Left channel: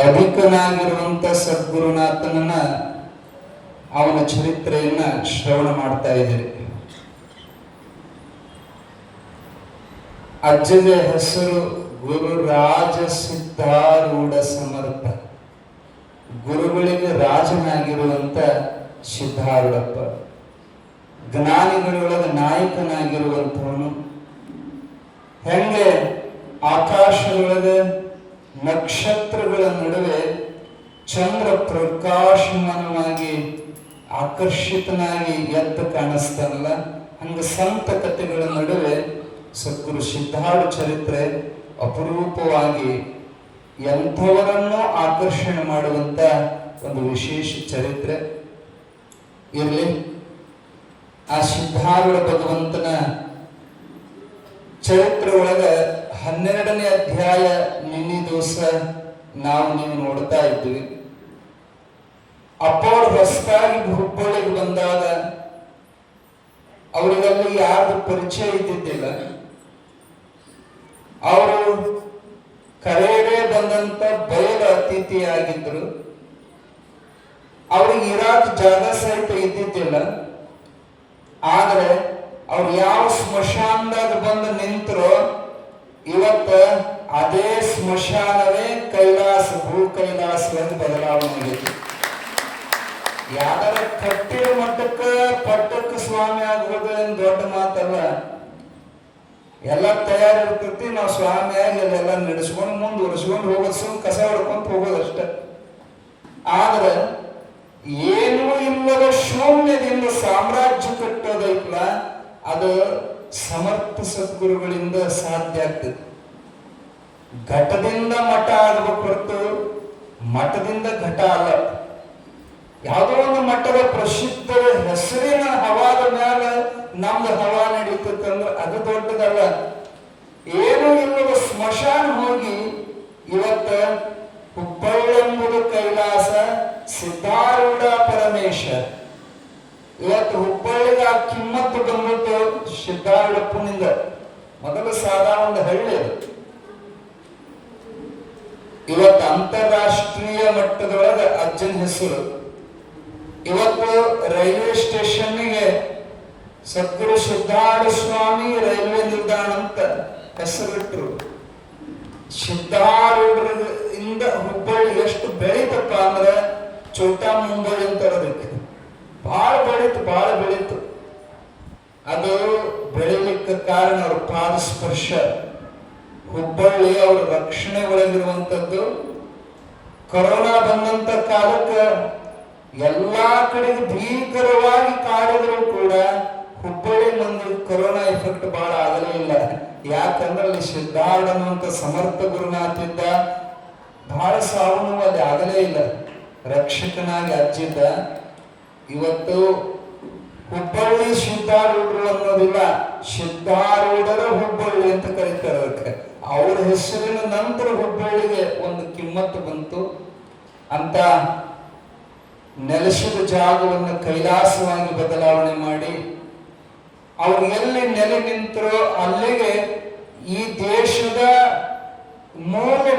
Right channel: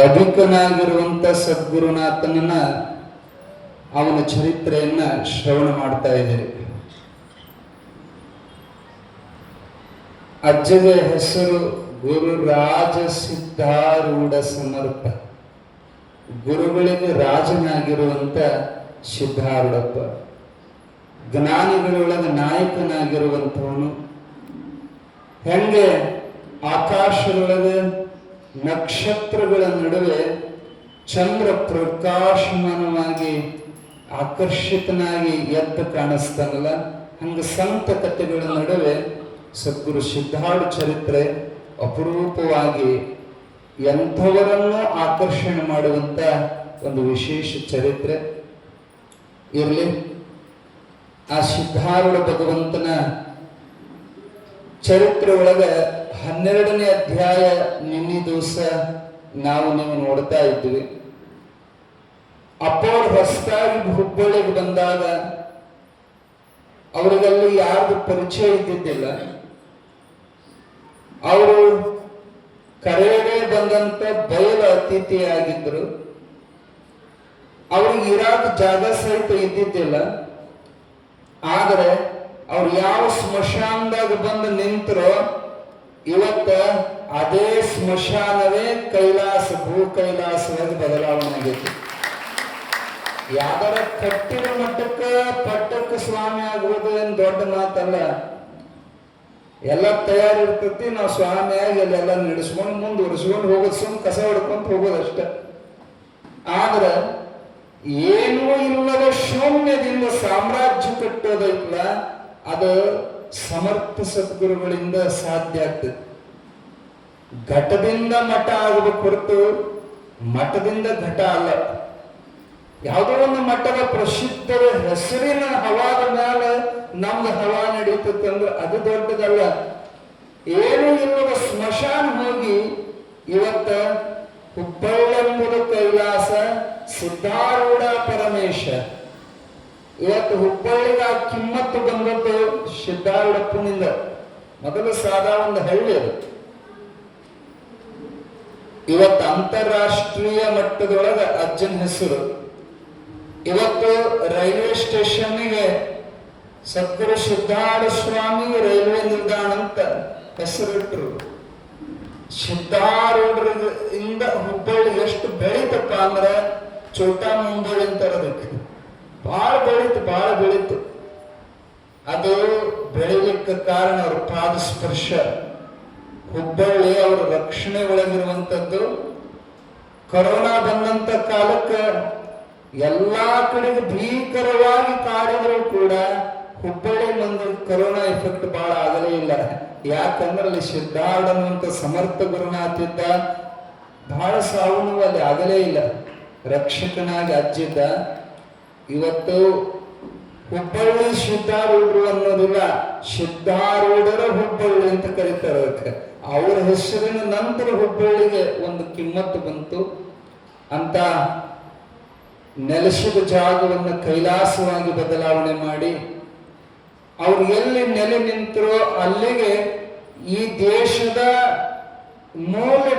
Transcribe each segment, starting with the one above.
ಅಧಿಕನಾಗಿರುವಂತ ಸದ್ಗುರುನಾಥನನ್ನ ಅವನ ಚರಿತ್ರೆಯನ್ನ ಶ್ರವಣ ಮಾಡ್ತಾ ಇದ್ದೀರಿ. ಅಜ್ಜನ ಹೆಸರು ಗುರುರಾಜ ಸಿದ್ಧಾರೂಢ ಸಮರ್ಥ. ಗುರುಗಳಿಗೆ ರಾಜನಾಗಿರುವಂತ ಸಿದ್ಧಾರೂಢಪ್ಪ, ಜ್ಞಾನಿಗಳೊಳಗೆ ನಾಯಕನಾಗಿರುವಂಥವನು. ಹೆಂಗೆ ಆಕಾಶದೊಳಗೆ ನಕ್ಷತ್ರಗಳ ನಡುವೆ ಚಂದ್ರ ಪ್ರಕಾಶಮಾನವಾಗಿ ಆಕರ್ಷಿತನಾಗಿ ಎದ್ದು ಕಾಣಿಸ್ತಾನಲ್ಲ, ಹಂಗೆ ಸಂತ ಕಥೆಗಳ ನಡುವೆ ಸದ್ಗುರು ಸಿದ್ಧಾರೂಢ ಚರಿತ್ರೆ ಅಪರೂಪವಾಗಿ ಎಂಥವರನ್ನು ಆಕರ್ಷಣೆ ಮಾಡುವಂತ ಒಂದು ವಿಶೇಷ ಚರಿತ್ರೆ. ಇರಲಿ, ಆ ಸಿದ್ಧಾರೂಢ ಭಗವಂತನ ಚರಿತ್ರೆ ಒಳಗೆ 12ನೇ ಅಧ್ಯಾಯ ನಿನ್ನೆ ದಿವಸ ನೀವು ನೋಡ್ತಾ ಇದ್ವಿ. ಅಪ್ಪವ್ರು ಹೊಸದಾಗಿ ಹುಬ್ಬಳ್ಳಿಗೆ ಬಂದಾಗ ಅವರಿಗೆಲ್ಲ ಯಾರ್ದು ಪರಿಚಯ ಇದ್ದಿದ್ದಿಲ್ಲ. ಅವರು ಕರೆಗೆ ಬಂದಂತ ಬಯಲು ಅತಿಥಿಯಾಗಿದ್ರು. ಅವ್ರಿಗೆ ಇರಾದ ಜಾಗ ಸಹಿತ ಇದ್ದಿದ್ದಿಲ್ಲ. ಆದರೆ ಅವ್ರು ಯಾವ ಸ್ಮಶಾನದಾಗ ಬಂದು ನಿಂತರೋ ಇವತ್ತ ಅದೇ ಸ್ಮಶಾನವೇ ಕೈಲಾಸ, ಭೂ ಕೈಲಾಸದಲ್ಲಿ ಬದಲಾವಣೆ ಆಗಿದೆ. ಯಾವ್ದಾರ ಕಟ್ಟಿರೋ ಪಟ್ಟಕ್ಕೆ ಸ್ವಾಮಿ ಆಗೋದು ಏನ್ ದೊಡ್ಡ ಮಾತಲ್ಲ. ಎಲ್ಲ ತಯಾರಿರ್ತೈತಿ, ನಾವು ಸ್ವಾಮಿಯಾಗಿ ಇಲ್ಲೆಲ್ಲ ನಡೆಸ್ಕೊಂಡು ಮುಂದುವರಿಸ್ಕೊಂಡು ಹೋಗೋದು, ಸುಮ್ ಕಸ ಹೊಡ್ಕೊಂತ ಹೋಗೋದಷ್ಟೆ. ಆದ್ರೆ ಏನೂ ಇಲ್ಲದ ಶೂನ್ಯದಿಂದ ಸಾಮ್ರಾಜ್ಯ ಕಟ್ಟೋದೈತಲ್ಲ, ಅದು ಸಮರ್ಥ ಸದ್ಗುರುಗಳಿಂದ ಸಾಧ್ಯ ಆಗ್ತದೆ. ಘಟದಿಂದ ಮಠ ಆಗಬೇಕು ಹೊರತು ಮಠದಿಂದ ಘಟ ಅಲ್ಲ. ಯಾವುದೋ ಒಂದು ಮಠದ ಪ್ರಸಿದ್ಧ ಹೆಸರಿನ ಹವಾದ ಮ್ಯಾಲ ನಮ್ದು ಹವಾ ನಡೀತೈತೆ ಅಂದ್ರೆ ಅದು ದೊಡ್ಡದಲ್ಲ. ಏನೂ ಇಲ್ಲದ ಸ್ಮಶಾನ ಹೋಗಿ ಇವತ್ತ ಹುಬ್ಬಳ್ಳೆಂಬುದು ಕೈಲಾಸ, ಸಿದ್ಧಾರೂಢ ಪರಮೇಶ. ಇವತ್ತು ಹುಬ್ಬಳ್ಳಿಗೆ ಆ ಕಿಮ್ಮತ್ತು ಬಂದದ್ದು ಸಿದ್ಧಾರೂಢಪ್ಪನಿಂದ. ಮೊದಲು ಸಾದಾ ಒಂದು ಹಳ್ಳಿ ಅದು. ಇವತ್ತು ಅಂತಾರಾಷ್ಟ್ರೀಯ ಮಟ್ಟದೊಳಗೆ ಅಜ್ಜನ ಹೆಸರು. ಇವತ್ತು ರೈಲ್ವೆ ಸ್ಟೇಷನ್ಗೆ ಸದ್ಗುರು ಸಿದ್ಧಾರೂಢ ಸ್ವಾಮಿ ರೈಲ್ವೆ ನಿಲ್ದಾಣ ಅಂತ ಹೆಸರಿಟ್ರು. ಸಿದ್ಧಾರೂಢರಿಂದ ಹುಬ್ಬಳ್ಳಿ ಎಷ್ಟು ಬೆಳೀತಪ್ಪ ಅಂದ್ರೆ ಚೋಟಾ ಮುಂಬಳಿ ಅಂತಾರೆ ಅದಕ್ಕೆ. ಬಹಳ ಬೆಳೀತು. ಅದು ಬೆಳಿಲಿಕ್ಕೆ ಕಾರಣ ಅವ್ರ ಪಾದ ಸ್ಪರ್ಶ. ಹುಬ್ಬಳ್ಳಿ ಅವರ ರಕ್ಷಣೆ ಒಳಗಿರುವಂಥದ್ದು. ಕೊರೋನಾ ಬಂದಂತ ಕಾಲಕ್ಕೆ ಎಲ್ಲಾ ಕಡೆಗೆ ಭೀಕರವಾಗಿ ಕಾಡಿದ್ರು ಕೂಡ ಹುಬ್ಬಳ್ಳಿ ಒಂದು ಕೊರೋನಾ ಎಫೆಕ್ಟ್ ಬಹಳ ಆಗಲೇ ಇಲ್ಲ. ಯಾಕಂದ್ರೆ ಅಲ್ಲಿ ಸಿದ್ಧಾರೂಢ ಸಮರ್ಥ ಗುರುನಾಥ ಇದ್ದ. ಬಹಳ ಸಾವು ನೋವು ಅಲ್ಲಿ ಆಗಲೇ ಇಲ್ಲ. ರಕ್ಷಕನಾಗಿ ಅಜ್ಜಿದ್ದ. ಇವತ್ತು ಹುಬ್ಬಳ್ಳಿ ಸಿದ್ಧಾರೂಢರು ಅನ್ನೋದಿಲ್ಲ, ಸಿದ್ಧಾರೂಢರ ಹುಬ್ಬಳ್ಳಿ ಅಂತ ಕರೀತಾರೆ ಅದಕ್ಕೆ. ಅವರ ಹೆಸರಿನ ನಂತರ ಹುಬ್ಬಳ್ಳಿಗೆ ಒಂದು ಕಿಮ್ಮತ್ತು ಬಂತು ಅಂತ ನೆಲೆಸಿದ ಜಾಗವನ್ನು ಕೈಲಾಸವಾಗಿ ಬದಲಾವಣೆ ಮಾಡಿ ಅವ್ರು ಎಲ್ಲಿ ನೆಲೆ ನಿಂತರೋ ಅಲ್ಲಿಗೆ ಈ ದೇಶದ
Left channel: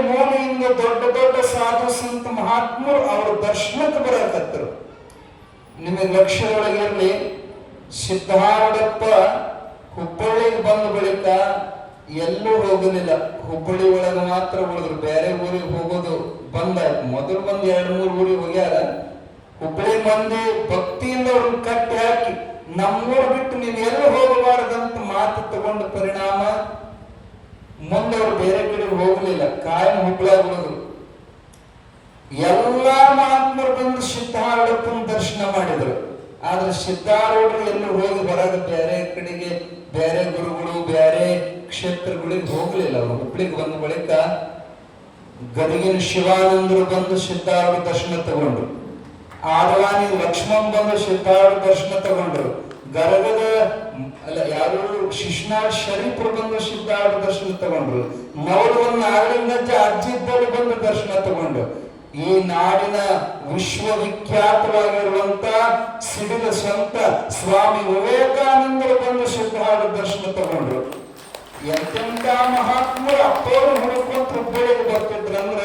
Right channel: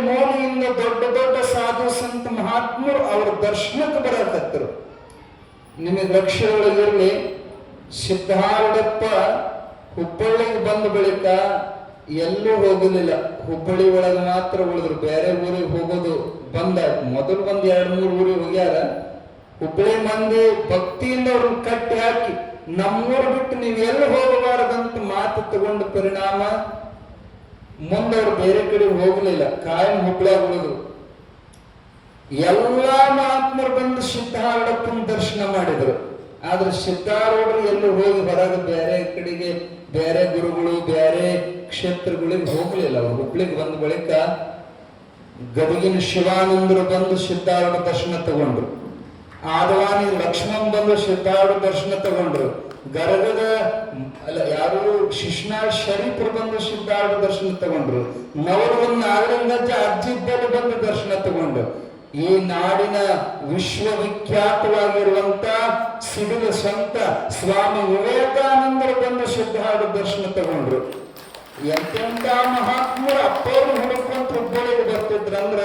ಮೂಲೆಯಿಂದ ದೊಡ್ಡ ಸಾಧು ಸಂತ ಮಹಾತ್ಮರು ಅವರ ದರ್ಶನಕ್ಕೆ ಬರಕತ್ತರು. ನಿಮಗೆ ಲಕ್ಷ್ಯದೊಳಗಿರಲಿ, ಸಿದ್ಧಾರೂಢಪ್ಪ ಹುಬ್ಬಳ್ಳಿಗೆ ಬಂದ ಬಳಿಕ ಎಲ್ಲೂ ಹೋಗಲಿಲ್ಲ. ಹುಬ್ಬಳ್ಳಿ ಒಳಗೆ ಮಾತ್ರ ಉಳಿದ್ರು. ಬೇರೆ ಊರಿಗೆ ಹೋಗೋದು ಬಂದ. ಮೊದಲು ಬಂದು 2-3 ಊರಿಗೆ ಹೋಗ್ಯಾರ. ಹುಬ್ಬಳ್ಳಿ ಮಂದಿ ಭಕ್ತಿಯಿಂದ ಅವ್ರನ್ನ ಕಟ್ಟಿ ಹಾಕಿ ನಮ್ಮೂರು ಬಿಟ್ಟು ನೀವು ಎಲ್ಲೂ ಹೋಗಬಾರದಂತ ಮಾತು ತಗೊಂಡ ಪರಿಣಾಮ ಮುಂದೆ ಅವ್ರು ಬೇರೆ ಕಡೆ ಹೋಗಲಿಲ್ಲ. ಕಾಯಂ ಹುಬ್ಬಳ್ಳಿಯಾಗ ಉಳಿದ್ರು. ಎಲ್ಲಾ ಮಹಾತ್ಮರು ಬಂದು ಸಿದ್ಧಾರೂಢಪ್ಪನ ದರ್ಶನ ಮಾಡಿದ್ರು. ಆದ್ರೆ ಸಿದ್ಧಾರೂಢರು ಎಲ್ಲೂ ಹೋಗಿ ಬರೋದು ಬೇರೆ ಕಡೆಗೆ, ಬೇರೆ ಗುರುಗಳು ಬೇರೆ ಕ್ಷೇತ್ರಗಳಿಗೆ ಹೋಗಲಿಲ್ಲ. ಅವರು ಹುಬ್ಬಳ್ಳಿಗೆ ಬಂದ ಬಳಿಕ ಗದಗಿನ ಶಿವಾನಂದರು ಬಂದು ಸಿದ್ಧಾರೂಢ ದರ್ಶನ ತಗೊಂಡ್ರು. ಆದವಾನಿ ಲಕ್ಷ್ಮಣ್ ಬಂದು ಸಿದ್ಧಾರೂಢ ದರ್ಶನ ತಗೊಂಡ್ರು. ಗದಗದ ಯಾರು ಶಿಶ್ನಾಳ್ ಶರೀಫರು ಬಂದು ಸಿದ್ಧಾರೂಢ ದರ್ಶನ ತಗೊಂಡ್ರು. ನವರವನ್ನ ನಾಗಲಿಂಗಜ್ಜ ಅಜ್ಜಿದ್ದಲ್ಲಿ ಬಂದು ದರ್ಶನ ತಗೊಂಡ್ರು. ಈ ನಾಡಿನ ವಿಶ್ವವಿಖ್ಯಾತವಾಗಿರುವಂತ ಸಿಡಿದ ಸಂತ ಸ್ವಾಮಿ ವಿವೇಕಾನಂದರು ಬಂದು ಸಿದ್ಧಾರೂಢ ದರ್ಶನ ತಗೊಂಡ್ರು. ಎಂತೆಂತ ಮಹಾತ್ಮರು ಅಪ್ಪವರು ಹುಡುಕೊಂತ ಹುಬ್ಬಳ್ಳಿಗೆ ಬರ್ತಿದ್ರಂದ್ರ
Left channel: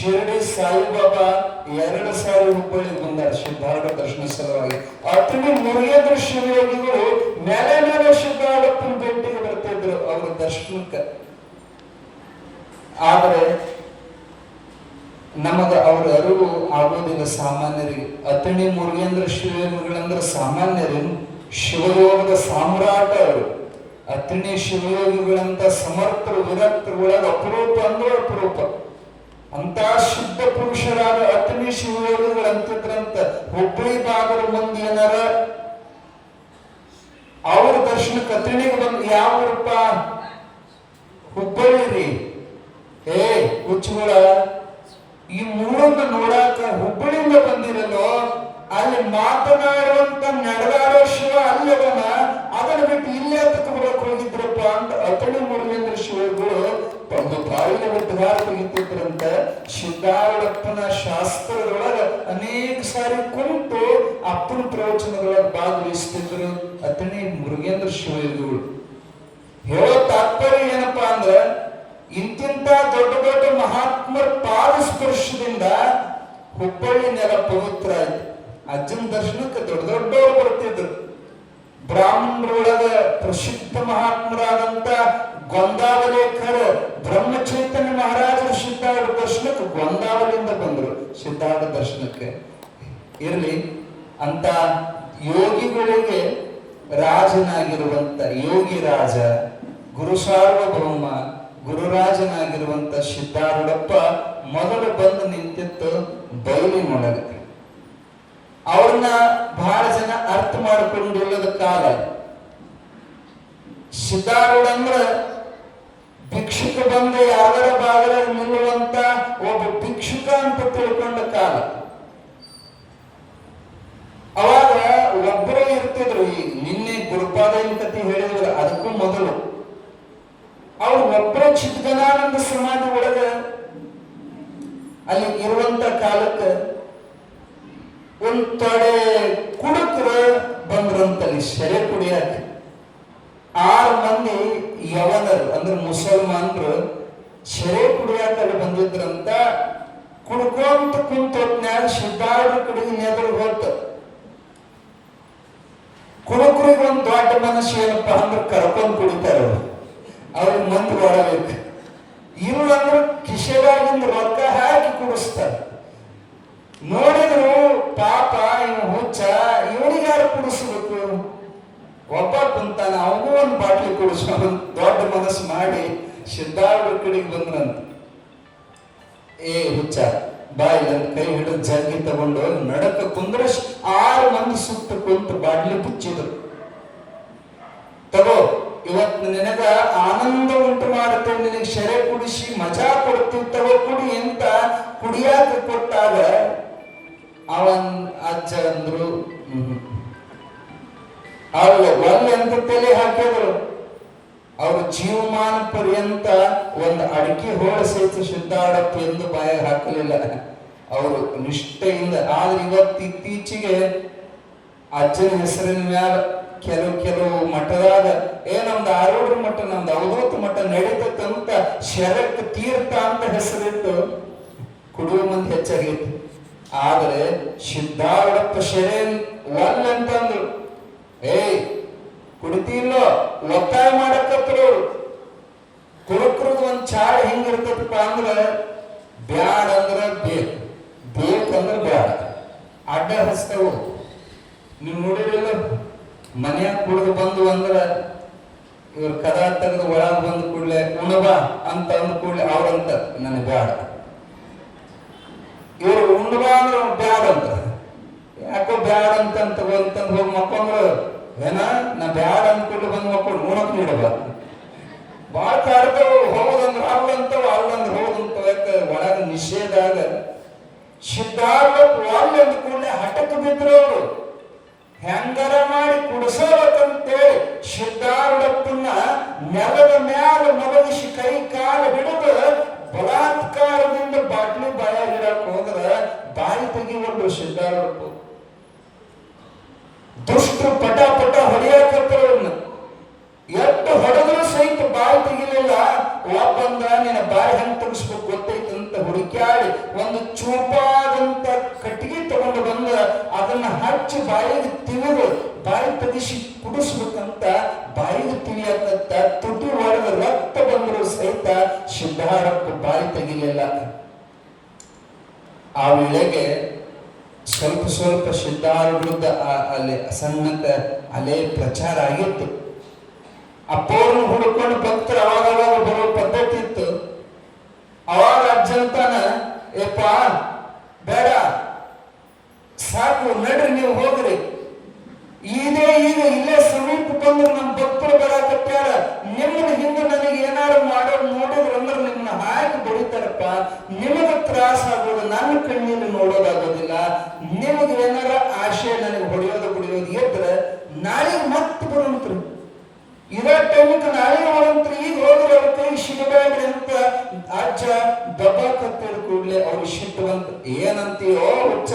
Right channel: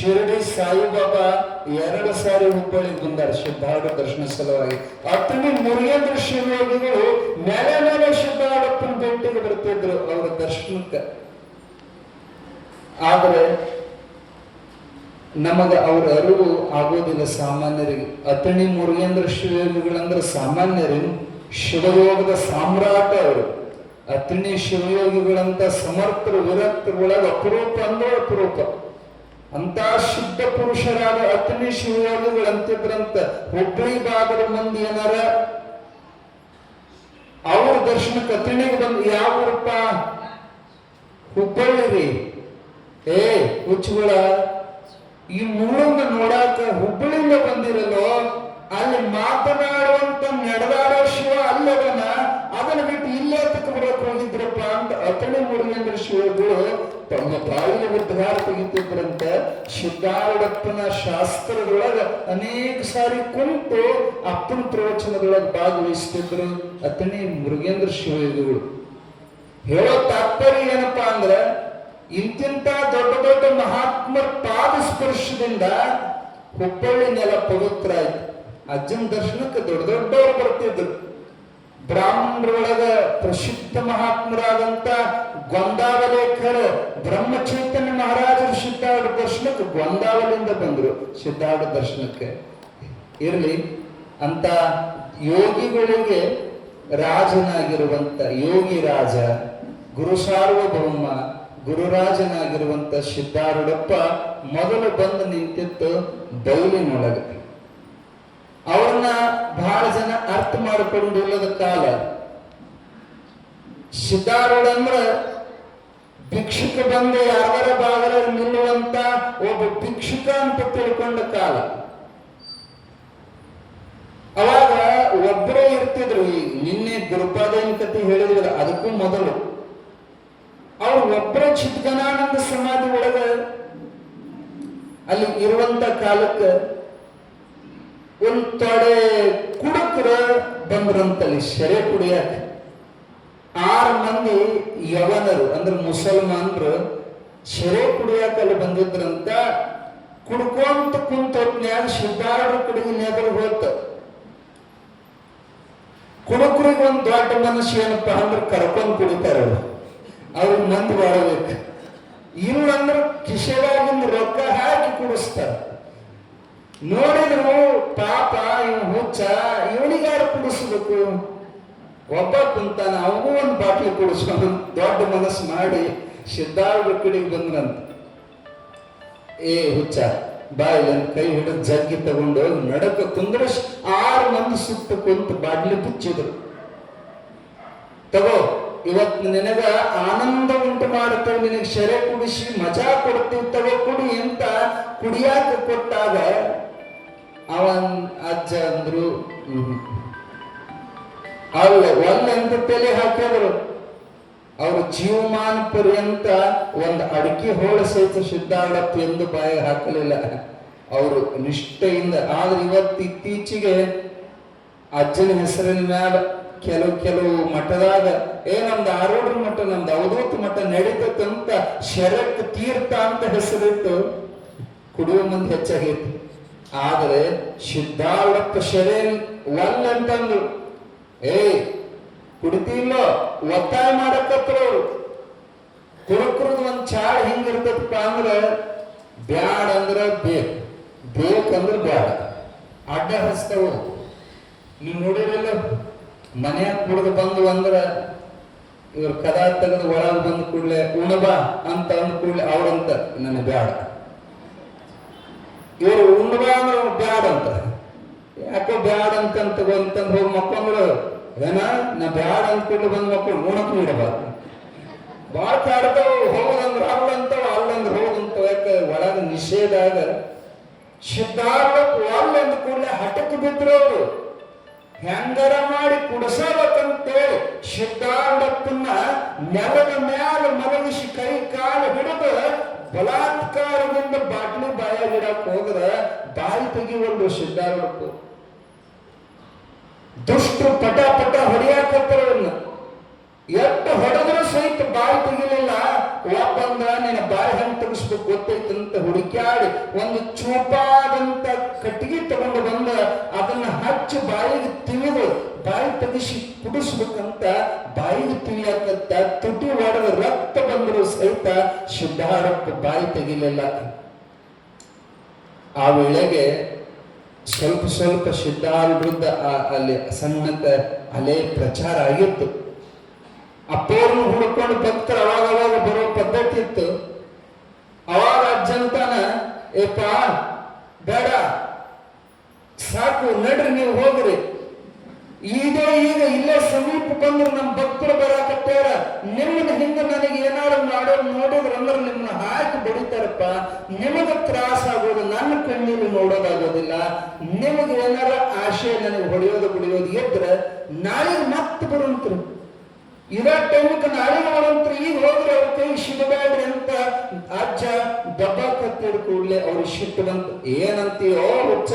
ಶಿರಡಿ ಸಾಯಿಬಾಬಾ 2 ಸಾರಿ ಹುಬ್ಬಳ್ಳಿ ಬಂದಾರ ಸಿದ್ಧಾರೂಢ ದರ್ಶನ ಸಲುವಾಗಿ. ಅತನಿ ಮುರುಗೇಂದ್ರ ಶಿವಯೋಗಿಗಳು ಮೇಲೆ ಮೇಲೆ ಸಿದ್ಧಾರೂಢಪ್ಪನ ಭೇಟಿಗೆ ಬರ್ತಿದ್ರು ಅವರ ದರ್ಶನಕ್ಕೆ. ಆದ್ರೆ ನಮಗ ಅವರ ಅರಿವು ಆಗೋದಿಲ್ಲ ಸಾಮಾನ್ಯರಿಗೆ. ಅತನಿ ಮುರುಗೇಂದ್ರ ಶಿವಯೋಗಿಗಳಂದ್ರೆ ಸಾಮಾನ್ಯರೇನು, ಶಿವಯೋಗದ ಸಾಮ್ರಾಟ ಅವರು. ಅತನಿ ಶಿವಯೋಗಿಗಳಂತ ಸಮರ್ಥರು ವಿರಕ್ತರು ಒಳಗ ಅಪರೂಪ ಅಂದ್ರೆ ಅಪರೂಪ. ಅಂತ ಶುದ್ಧ ಪುರುಷರಾದ ಅತನಿ ಶಿವಯೋಗಿಗಳಂತಿದ್ರಂತ. ಹುಬ್ಬಳ್ಳಿ ಭಾಗದ ಮಂದಿ ಏನಾರ ಅವ್ರ ದರ್ಶನಕ್ಕೆ ಅತನಿಗೆ ಬಂದು ಯಾವ ರೂಪ ಹುಬ್ಬಳ್ಳಿ ರೀ ಹುಚ್ಚುಗಳ ಈ ಊರನ್ನ ನೋಡಾಕ ಹುಬ್ಬಳ್ಳಿಯಿಂದ ಬಂದಿರಲ್ಲೋ, ಅಲ್ಲಿ ಮಾತನಾಡುವಂತ ನಡೆದಾಡೋ ಶಿವ ಅಲ್ಲದನ ಅದನ್ನ ಬಿಟ್ಟು ಇಲ್ಲೇ ತಕೊಂಡ್ಬರಕ್ ಹೋಗಿದ್ರಪ್ಪ ಅಂತ ಅತನಿ ಮುರುಗೇಂದ್ರ ಶಿವಗಳು ತಮ್ಮ ಬಾಯಿನ ಉದ್ಧಾರ ತೆಗಿತಿದ್ರಂತ. ಸಿದ್ಧಾರೂಢಪ್ಪನ ಶಾಸ್ತ್ರದೊಳಗ ಅನೇಕ ಸಾರಿ ಕುಂತು ಅಪ್ಪನ ಪ್ರವಚನದೊಳಗ ಭಾಗವಹಿಸ್ತಿದ್ರು ಅತನಿ ಮುರುಗೇಂದ್ರ ಶಿವಗಳು. ಹೇಳೋ ತಾತ್ಪರ್ಯ ಏನಪ್ಪಾ ಅಂದ್ರ, ಇಂತಿಂತ ದೊಡ್ಡ ದೊಡ್ಡ ಮಹಾತ್ಮರ ಪಾದ ಸ್ಪರ್ಶದಿಂದ ಹುಬ್ಬಳ್ಳಿ ನೆಲ ಪವಿತ್ರ ಆಯ್ತು. ಅಜ್ಜನ ದರ್ಶನಕ್ಕೆ ದೊಡ್ಡ ದೊಡ್ಡವರು ಬರ್ತಿದ್ರು. ಬ್ರಾಹ್ಮಣರೊಳಗ ಪ್ರಸಿದ್ಧ ಮಹಾತ್ಮರಾದಂತ ಗೊಂದಾವಲೇಕರ ಬ್ರಹ್ಮಚೈತನ್ಯ ಮಹಾರಾಜರು ಸಿದ್ಧಾರೂಢ ದರ್ಶನಕ್ಕೆ ಗೊಂದಾವಲಿಯಿಂದ ಬಂದರು ಸಿದ್ಧಾರೂಢ ದರ್ಶನಕ್ಕೆ. ಇರಲಿ, ಅಂತ ಯೋಗಿಗಳಿಗೆ ರಾಜನಾಗಿರುವಂತ ಯೋಗಿ ರಾಜ, ಗುರು ಸಾರ್ವಭೌಮ, ಗುರುರಾಜನಾಗಿರುವಂತ ಸಿದ್ಧಾರೂಢಪ್ಪ ಮೊದಲು ಬಂದು ನಿಂತಿತ್ತು ಬಯಲಿನೊಳಗೆ. ಅವ್ರನ್ನ ಬಹಳ ಜನ ಅರ್ಥ ಮಾಡಿಕೊಂಡು ಹೋಗದ ಕಾಲ. ಸಿದ್ಧಾರೂಢ ಅಂದ್ರ ಭಿಕ್ಷುಕ ಬಂದು ಯಾವರ ಬಾಗಲ ನಿಲ್ಲುವಂತ ಒಬ್ಬ ಭಿಕ್ಷುಕ ಅಂತ ತಿಳ್ಕೊಂಡ ಕಾಲ. ಅವಾಗ ಒಬ್ಬರೇ ಇರ್ತಿದ್ರು. ಈ ನಿನ್ನೆ ಗುರುಪಾದನ ಕಥೆ ಹೇಳಿದ್ರು, ಅದಕ್ಕೂ ಮೊದಲು ಅವ್ರು ಒಬ್ಬರೇ ಚಿತ್ಗನಾನಂದ ಸಮಾಧಿ ಒಳಗ ಅಲ್ಲಿ ಇರುವಂತ ಕಾಲಕ್ಕೆ ಒಂದ್ ತೊಡೆ ಕುಡುಕರ ಬಂದ್ರಂತಲ್ಲಿ ಸೆರೆ ಕುಡಿಯಕ್ಕೆ. 6 ಮಂದಿ ಯವನರು ಅಂದ್ರೆ ಮುಸಲ್ಮಾನರು ಸೆರೆ ಕುಡಿಯಾಕ ಅಲ್ಲಿ ಬಂದಿದ್ರಂತ. ಕುಡ್ಕೊಂತ ಕುಂತೊತ್ನ್ಯಾಗ ಸಿದ್ಧಾರೂಢ ಕುಡಿಗೆ ನೆದರ್ ಹೋತ. ಕುಡುಕರಿಗೆ ಒಂದು ದೊಡ್ಡ ಮನಸ್ಸು ಏನಪ್ಪಾ ಅಂದ್ರೆ ಕರ್ಕೊಂಡ್ ಕುಡಿತಾರ ಅವ್ರಿಗೆ ಮಂದಿ ಒಳಬೇಕು. ಇಲ್ಲಂದ್ರೆ ಕಿಶೆದಾಗಿಂದ ರೊಕ್ಕ ಹಾಕಿ ಕುಡಿಸ್ತಾರ. ನೋಡಿದ್ರು ಪಾಪ ಇವ್ ಹುಚ್ಚ, ಇವನಿಗಾರು ಕುಡಿಸ್ಬೇಕು. ಒಬ್ಬ ಕುಂತಾನ, ಅವನು ಒಂದು ಬಾಟ್ಲಿ ಕುಡಿಸೋ ದೊಡ್ಡ ಮನಸ್ಸು ಮಾಡಿ ಸಿದ್ಧಾರೂಢ ಕಡೆಗೆ ಬಂದ್ರಂತ. ಹುಚ್ಚ ಬಾಯಿ ಅಂತ ಕೈ ಹಿಡಿದು ಜಗ್ಗಿ ತಗೊಂಡು ನಡಕ ಕುಂದ್ರ 6 ಮಂದಿ ಸುತ್ತ ಕುಂತು ಬಾಟ್ಲಿ ಬಿಚ್ಚಿದ್ರು. ತಗೋ, ಇವತ್ತು ನಿನಗ ಆನಂದ ಉಂಟು ಮಾಡುತ್ತೇವೆ, ನಿನಗೆ ಸೆರೆ ಕುಡಿಸಿ ಮಜಾ ಕೊಡ್ತೀವಿ, ತಗೋ ಕುಡಿ ಅಂತ ಕುಡಿಯಾಕ ಕೊಟ್ಟಾಗ ಅವನ್ ಅಜ್ಜ ಅಂದ್ರು ಅಲ್ಲ ಒಳ್ಳೆ ಅಂತ ತಲೆ ಹಾಕಿದ್ರು. ಅವ್ರ ಜೀವಮಾನ ಪರ್ಯಂತ ಒಂದು ಅಡಿಕೆ ಹೋಳ ಸಹಿತ ಸಿದ್ಧಾರೂಢಪ್ಪ ಎಂದು ಬಾಯಿ ಹಾಕಲಿಲ್ಲ ಅವರು ನಿಷ್ಠೆಯಿಂದ. ಆದ್ರೆ ಇವತ್ತು ಇತ್ತೀಚೆಗೆ ಅಜ್ಜನ ಹೆಸರಿನ ಮ್ಯಾಲ ಕೆಲವು ಮಠದಾಗ ನಮ್ದು ಆರೂಢ ಮಠ, ನಮ್ದು ಅವಧೂತ ಮಠ ನಡೀತಂತ ಶರಕ್ ತೀರ್ಥ ಅಂತ ಹೆಸರಿಟ್ಟು ಕುಡಿಯುವ ಮಂದಿ ಹೆಚ್ಚಾಗಿತ್ತು. ಆದ್ರೆ ಸಿದ್ಧಾರೂಢಪ್ಪ ಶರೇ ಅಂತಂದ್ರು. ಕುಡಿತಿಲ್ಲೋ ಒತ್ತಾಯ ಮಾಡಕತ್ರು. ಕುಡುಕ್ರಿಗೆ ಒಂದ್ ಚಾಳ ಹೆಂಗಿರ್ತದಪ್ಪ ಅಂದ್ರ ಬ್ಯಾಡ ಅಂದ್ರ ಬೇಕಂದ್ರ ಬ್ಯಾಡ, ಅಡ್ಡ ಹಸ್ತವು. ನೀವು ನೋಡಿರಲಿಲ್ಲ, ಮನೆಯಾಗ ಕುಡಿದು ಬಂದು ಅಂದ್ರ ಇವ್ರ ಕದಾ ತೆಗೆದು ಒಳಗ ಬಂದು ಕೂಡ್ಲೆ ಉಣಬಾ ಅಂತ ಅಂದ ಕೂಡ್ಲೆ ಅವ್ರಂತ ನನಗೆ ಬ್ಯಾಡ. ಇವರು ಉಣ್ಣಬಾ ಅಂದ್ರ ಬ್ಯಾಡ ಅಂತ. ಯಾಕೋ ಬ್ಯಾಡ ಅಂತಂದು ಹೋಗಿ ಮಕ್ಕೊಂಡ್ರು ನಾ ಬ್ಯಾಡ ಅಂದ್ಕೊಂಡು ಬಂದು ಮಕ್ಕಳು ಉಣಕ್ ನೀಡಬ ಬಾಳ ಕಾಡ್ತಾವ. ಹೋದಂದ್ರ ಅಲ್ಲಂತವ, ಅಲ್ಲಂದ್ರ ಹೋದಂತವ. ಯಾಕೆ ಒಳಗ ನಿಷೇಧ ಆಗ ಸಿದ್ಧಾರೂಢ ಅಲ್ಲ ಅಂದ್ಕೊಂಡೆ ಹಠಕ್ಕೆ ಬಿದ್ರು ಅವರು. ಹೆಂಗರ ಮಾಡಿ ಕುಡಿಸಬೇಕಂತೇಳಿ ಸಿದ್ಧಾರೂಢಪ್ಪನ್ನ ನೆಲದ ಮ್ಯಾಲ ಮಲಗಿಸಿ ಕೈ ಕಾಲು ಹಿಡಿದು ಬಲಾತ್ಕಾರದಿಂದ ಬಾಟ್ಲಿ ಬಾಯಾಗಿಡಕ್ ಹೋದ್ರ ಬಾಯಿ ತೆಗಿಬಂದ್ರು ಸಿದ್ಧಾರೂಢಪ್ಪ. ದುಷ್ಟರು ಪಟ ಹೊಡೆಯಾಕತ್ತರವನ್ನ ಎಷ್ಟು ಹೊಡೆದ್ರು ಸಹಿತ ಬಾಯಿ ತೆಗಿಲಿಲ್ಲ. ಒಬ್ಬಂದ್ರ ನಿನ್ನ ಬಾಯಿ ಹೆಂಗ್ ತೆಗಿಸ್ಬೇಕು ಗೊತ್ತೈತಂತ ಹುಡುಕ್ಯಾಡಿ ಒಂದು ಚೂಪಾದಂತ ಕಟ್ಟಿಗೆ ತಗೊಂಡು ಬಂದ ಅದನ್ನ ಹಚ್ಚಿ ಬಾಯಿಗೆ ತಿವಿದು ಬಾಯಿ ತೆಗಿಸಿ ಕುಡಿಸ್ಬೇಕಂತ ಬಾಯಿಗೆ ತಿವಿಯಕತ್ತ ತುಟಿ ಹೊಡೆದ ರಕ್ತ ಬಂದರೂ ಸಹಿತ ಸಿದ್ಧಾರಪ್ಪ ಬಾಯಿ ತೆಗಿಲಿಲ್ಲ. ಆ ವೇಳೆಗೆ ಸ್ವಲ್ಪ ಸ್ವಲ್ಪ ಸಿದ್ಧಾರ ವಿರುದ್ಧ ಅಲ್ಲಿ ಸಣ್ಣತ ಅಲೆ ಪ್ರಚಾರ ಆಗಿತ್ತು. ಅಪ್ಪವ್ರನ್ನ ಹುಡ್ಕೊಂಡು ಭಕ್ತರು ಅವಾಗ ಬರೋ ಪದ್ಧತಿ ಇತ್ತು. ಅವಾಗ ಅಜ್ಜಂತಾನ ಏಪ್ಪ ಬೇಡ ಸಾಕು ನಡ್ರಿ ನೀವು ಹೋಗ್ರಿ, ಈಗ ಇಲ್ಲೇ ಸಮೀಪ ಬಂದು ನಮ್ಮ ಭಕ್ತರು ಬರಾಕತ್ಯಾರ, ನಿಮ್ಮನ್ನ ಹಿಂದೆ ನನಗೆ ಏನಾರು ಮಾಡೋದು ನೋಡಿದ್ರು ಅಂದ್ರೆ ನಿಮ್ಮನ್ನ ಹಾಕಿ ಬಡಿತಾರಪ್ಪ, ನಿಮಗೆ ತ್ರಾಸ ಆಗೋದು ನನ್ನ ಕಣ್ಣಲ್ಲಿ ನೋಡೋದಾಗೋದಿಲ್ಲ, ನಿಮಗೆ ಏನಾರ ಆಶೆ ನನಗೆ ಹೊಡೆಯೋದು ಎದ್ರೆ ನಾಳೆ ಮತ್ತೆ ಬರುವಂತ್ರು, ಇರೋ ಟೈಮಕ್ಕೆ ನಾಳೆ ಮಾಡುವಂತ್ರು, ಈಗ ಹೋದ್ರೆ ಅವ್ರ ಕೈ ಸಿಗಬೇಡ್ರಿ ಅಂತ ಅಜ್ಜ ದಬ್ಬ ಕತ್ತಿದ ಕೂಡಲೇ ಅವ್ರು ಸಿಟ್ಟುವಂತ ಏನಂತೀಯೋ ಹುಚ್ಚ,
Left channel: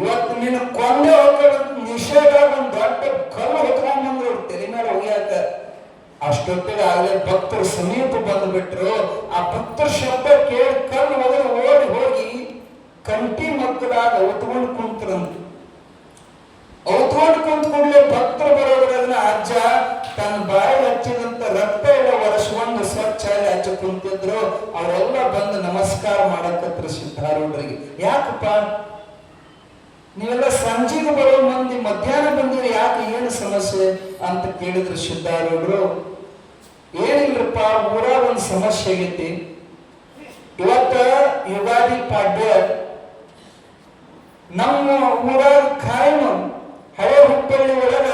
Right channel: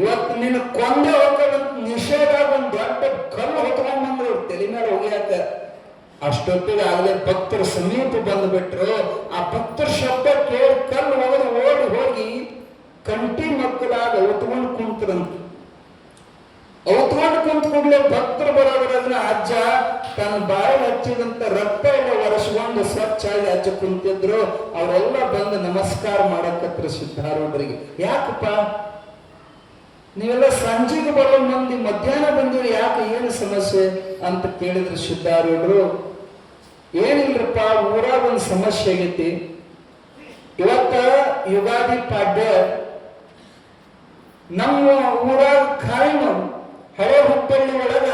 ಇವತ್ತು ನೀನು ಕೊಂದೆ ಹೋಗ್ಬೇಕಂತ ನಿಷೇಧ ಒಂದು ದೊಡ್ಡ ಕಲ್ಲು ಹೊತ್ಕೊಂಡ್ ಬಂದ್ರು ತಲೆ ಮೇಲೆ ಹೋಗ್ಯಾಕ. ಅಷ್ಟೊತ್ತಿಗೆ ಆಗಲೇ ಭಕ್ತರು ಸಮೀಪ ಬಂದ್ಬಿಟ್ರು. ಆ ಭಕ್ತರ ಶಬ್ದ ಕೇಳಿ ಕಲ್ಲು ಹೋದ್ರೆ ಓಡಿ ಹೋಗಿ ಕಂಟಿ ಮಕ್ಕಳಾಗ ಹೊತ್ಕೊಂಡು ಕುಂತರಂತ. ಹೊತ್ಕೊಂಡು ಕುಂತ ಕೂಡಲೇ ಭಕ್ತರು ಬರೋದ್ರನ್ನ ಅಜ್ಜ ತನ್ನ ಬಾಯಿ ಹಚ್ಚಿದಂತ ರಕ್ತ ಎಲ್ಲ ಒರೆಸ್ಕೊಂಡು ಸ್ವಚ್ಛ ಹಚ್ಚ ಕುಂತಿದ್ರು. ಅವರೆಲ್ಲ ಬಂದು ನಮಸ್ಕಾರ ಮಾಡಕತ್ರ ಸಿದ್ಧಾರೂಢರಿಗೆ. ಯಾಕಪ್ಪ ನೀವೆಲ್ಲ ಸಂಜೆಗೆ ಬರೋ ಮಂದಿ ಮಧ್ಯಾಹ್ನ ಬಂದಿರಿ, ಯಾಕೆ ಏನು ಸಮಸ್ಯೆ ಅಂತ ಕೇಳಿದ್ರು ಸಿದ್ಧಾರೂಢರು. ಏನಿಲ್ಲಪ್ಪ, ಊರಾಗ ಒಂದು ಸಮಸ್ಯೆ ಆಗೈತಿ. ಇವತ್ತ ಯುಗಾದಿ ಪಾಡ್ಯ ನಮ್ಮ ಊರಾಗ ಕಾಯಂ ಹಳೆ ಹುಬ್ಬಳ್ಳಿ ಒಳಗ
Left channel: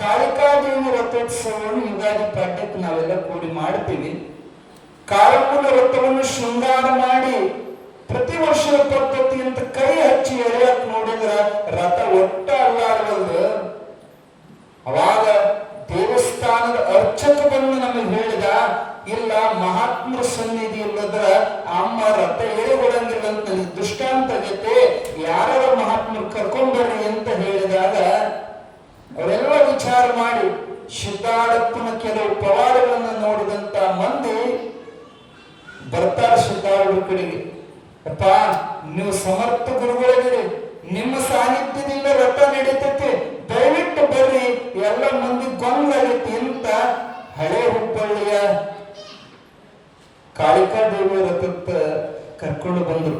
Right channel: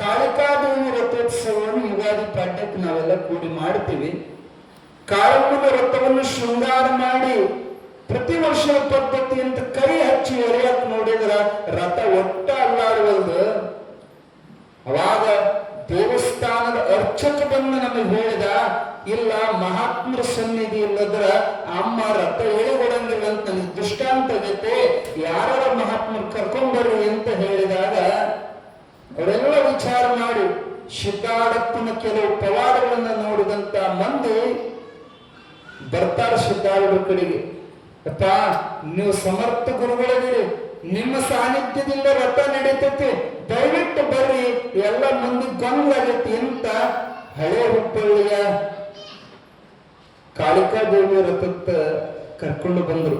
ಕಾಳಿಕಾದೇವಿ ರಥೋತ್ಸವವನ್ನು ಯುಗಾದಿ ಪಾಡ್ಯಕ್ಕೆ ನಾವೆಲ್ಲ ಕೂಡಿ ಮಾಡ್ತೀವಿ. ಕಾಳಿಕನ ರಥವನ್ನು ಶೃಂಗಾರ ಮಾಡಿ ಪ್ರತಿ ವರ್ಷದ ಪದ್ಧತಿ ಅಂತ ಕೈ ಹಚ್ಚಿ ಎಳೆಯಕ್ ನೋಡಿದ್ರ ರಥ ಒಟ್ಟ ಅಲ್ಲಾಡುವುದು. ಅವಾಗ ದೇವಸ್ಥಾನದ ಅರ್ಚಕ ಬಂದು ನಮಗೆ ಹೇಳಿದ, ಇಲ್ಲ ಮಹಾತ್ಮರ ಸನ್ನಿಧಿ ಇಲ್ಲದ್ರ ಅಮ್ಮ ರಥ ಎಳೆಗೊಡಂಗಿಲ್ಲ ಅಂತ ನನಗೆ ದೃಷ್ಟಾಂತ ಆಗೈತೆ, ಯಾರ ಮಹಾತ್ಮರು ಕರ್ಕೊಂಡ್ಬರ್ರಿ ಅಂತ ಹೇಳಿದಾಗ ಅವರೆಲ್ಲ ವಿಚಾರ ಮಾಡಿ ಸಿದ್ಧಾರಪ್ಪನ ಕೆಲವು ಪವಾಡಗಳನ್ನ ನೋಡಿದಂತ ಮಂದಿ ಬರ್ತಾರೆ ಸಿದ್ಧಾರೂಢರ ಕಡೆಗೆ. ಅಪ್ಪ, ನೀವು ಸಮರ್ಥ ಗುರುಗಳಿದ್ದೀರಿ, ನಿಮ್ಮ ಸಾನ್ನಿಧ್ಯದಿಂದ ರಥ ನಡೀತೈತಿ, ದಯವಿಟ್ಟು ಬರ್ರಿ, ಎಲ್ಲ ಮಂದಿ ಗೊಂದಾಗೈತಿ ಅಂತ ಹಳೆ ಹುಬ್ಬಳ್ಳಿಯ ಕಾಳಿಕಾದೇವಿ ರಥಕ್ಕ ಕರ್ಕೊಂಡು ಬಂದ್ರು.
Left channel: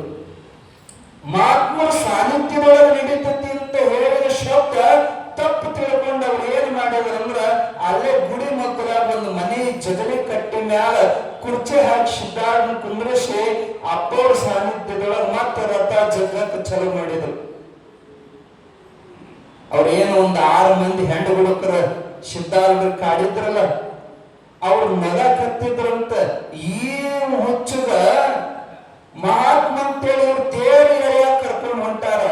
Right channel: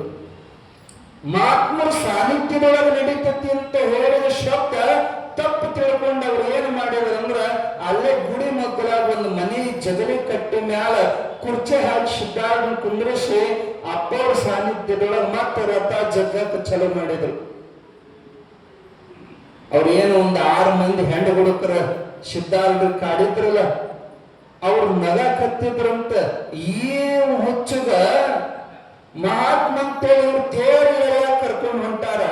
ಮಹಾತ್ಮರ ಸಾನ್ನಿಧ್ಯದೊಳಗೆ ನಡೀತೈತಿ ಅಂತ ಹೇಳಿದ ಶಬ್ದ ತಪ್ಪು ತಿಳ್ಕೊಂಡು ಅವ್ರು ಏನ್ ಮಾಡಿದ್ರು ಅಂದ್ರ ಅಲ್ಲೇ ಗುಡಿ ಮಕ್ಕಳಾಗ ಒಂದು ಮನೆ ಜಗಲಿ ಕಟ್ಟಿ ಮ್ಯಾಲ ಕುರ್ಚಿ ಹಾಕಿ ಸಿದ್ಧಾರ್ಥ ಕುಂದ್ರಿಸಿ ಅಪ್ಪವ್ರ ಸಾನ್ನಿಧ್ಯದೊಳಗೆ ಮತ್ತೆ ರಥ ಜಗತ್ ಚಲೋ ಮಾಡಿದ್ರು. ಅವ್ರೇನು ಒಂದು 6 ಮಂದಿ ಹೆಣ್ಣು ಹುಡುಕರ ಸಿದ್ಧಾರ್ಥ ಕಾಡಿದ್ರಲ್ಲ, ಅವ್ರು ನೆಲ ಕತ್ತಿದ್ರಂತ. ಏನು ಹುಚ್ಚದ ಮಹಾತ್ಮ ಅಂತೇಳಿ ಇವ್ರು ತೇರಿ ಕರ್ಕೊಂಡು ಹೊಂಟಾರ.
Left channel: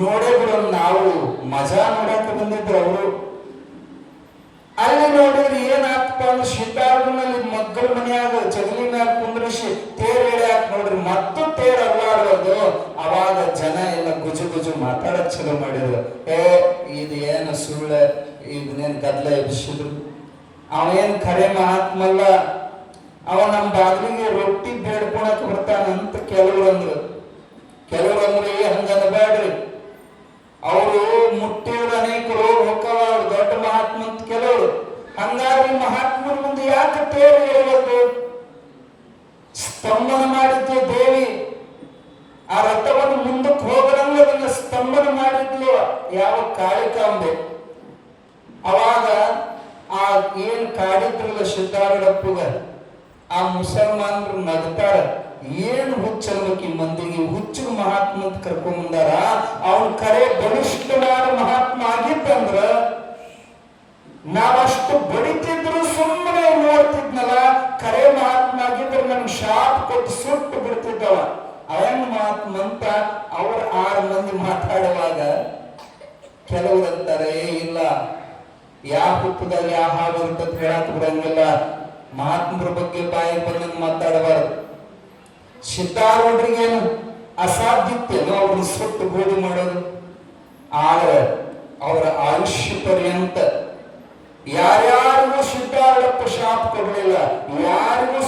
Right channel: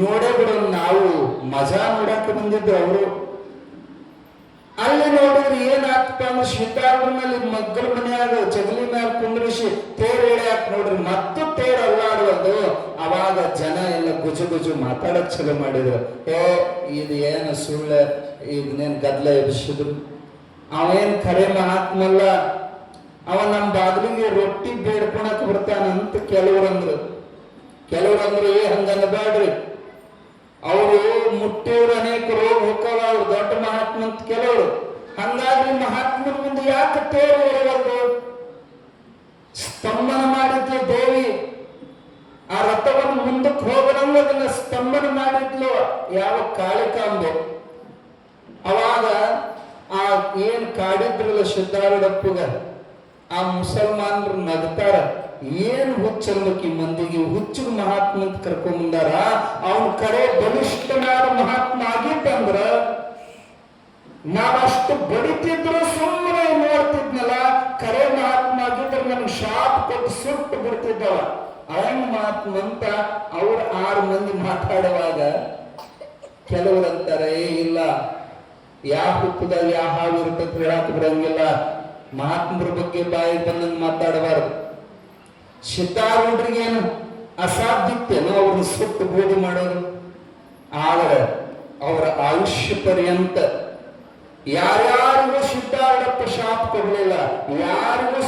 ನೋಡೇ ಬಿಡ, ನಾವು ಮಜಾ ನೋಡಕ್ಕೆ ಬಂದಿದ್ರು ಅವರು. ಅಲ್ಲಿ ನೋಡಿದ್ರೆ ಏನಾಗ್ತಪ್ಪ ಅಂದ್ರೆ ಸಿದ್ಧಾರ್ಥನಲ್ಲಿ ಮಕ್ಕಳ ಮನೆಯಾಗ ಜಗಲಿ ಮ್ಯಾಗ ಕುಂದ್ರಿಸಿ ತೇರು ಎಳೆಯಾಕ ನೋಡ್ರಿ, ಮತ್ತು ತೇರು ಅಲ್ಲಾಡೋದು. ಅವಾಗ ಜನ ಎಲ್ಲ ಗುಜು ಮಾತಾಡಕ್ ಚಲೋ ಮಾಡಿದ್ರು. ಇದು ಏನು ಸುಳ್ಳ, ಇದನ್ನೇನು ಗದ್ಲ ಎಬ್ಸಿದ್ರು, ಅವನೇನು ಖರೆ ಮಹಾತ್ಮಲ್ಲ, ಅವ ನಮ್ಮ ಬಾಗಿಲಿಗೆ ರೊಟ್ಟಿ ಬೇಡ್ಕೊಳಕ್ ಬರ್ತಾನಂತ ಕೆಲವ್ರಂದ್ರು. ಹಂಗನ್ಬೇಡ್ರಿ, ಅವರು ಮುಟ್ಟಿಯವ್ರು ಅನೇಕರು ಹೋಗ್ತಾವ, ಅವ್ರು ದೊಡ್ಡ ಮಹಾತ್ಮ ಅಂತ ಕೆಲವರು. ಹಂಗಾಗಿ ಮಹಾತ್ಮರ ಮುಂದೆ ಯಾಕೆ ತೇರು ಎಳೆಯೋದು? ಸ್ತಂಭನ ಮಾಡಿದ್ಲು ದೇವಿ, ಆ ರಥವನ್ನು ಮುಂದಕ್ಕೆ ಹೋಗದಂಗ ಅದನ್ನ ಸ್ತಂಭನ ಮಾಡಿದ್ಲು ಯಾವ ಕಾಳಿಕಾಂಬೆ. ಅವಾಗ ಆ ಏನ್ ಕಾಡಿದ್ರಲ್ಲ ಸಿದ್ಧಾರೂಢಪ್ಪಗ, ಆ ಮುಸಲ್ಮಾನರು ನಗ್ತಾರ, ಏನು ಹುಚ್ಚಲ್ಬೇಕಿ ಮಂದಿಗೆ, ಹುಚ್ಚು ಮಹಾತ್ಮ ಅಂತ ಕರ್ಕೊಂಡ್ ಬಂದಾರ. ಅವನು ಕರೆ ಬಲಿಷ್ಠವಾದ ಮಹಾತ್ಮ ಆಗಿತ್ತಂದ್ರ ನಾವಷ್ಟು ಬಡಿತಿದ್ರು ಸುಮ್ಮನೆ ನೋಡ್ತಿದ್ನಲ್ಲ, ಕರೆ ಮಹಾತ್ಮ ಆಗಿದ್ರೆ ನಮ್ಗೆ ಶಾಪ್ ಕೊಟ್ಟು ಸುಟ್ಟು ಬಿಡ್ತಿದ್ದವ. ಅವನ್ ಮಹಾತ್ಮ ಅಂತ ಅವ್ರ 6 ಮಂದಿ ಮಾತಾಡುವಾಗ ಕೆಲವರಂತಾರೆ, ಇಲ್ಲ ಯಾವ ಹುತ್ತದಲ್ಲಿ ಯಾವ ಹಾಳು ಇರ್ತದೆ ಹೇಳಕ್ ಬರಂಗಿಲ್ಲ, ಮಹಾತ್ಮರ ಬಗ್ಗೆ ಬಾಯಿ ಬಂದಂಗೆ ಮಾತಾಡಬಾರ್ದು. ಸಿದ್ಧಾರೂಢರಿಗೇನು ಅಸಾಧ್ಯತೆಯನ್ನು ಅವ್ರನ್ನ ಸುಟ್ಟು ಬೂದಿ ಮಾಡೋದು. ಆದ್ರೆ ಅವರ ಆಯುಷ್ಯ ಪರ್ಯಂತ ಯಾರ್ಯಾರಿಗೂ ಸಿದ್ಧಾರೂಢಪ್ಪ ಶಾಪ ಕೊಡಲಿಲ್ಲ, ಯಾರಿಗೂ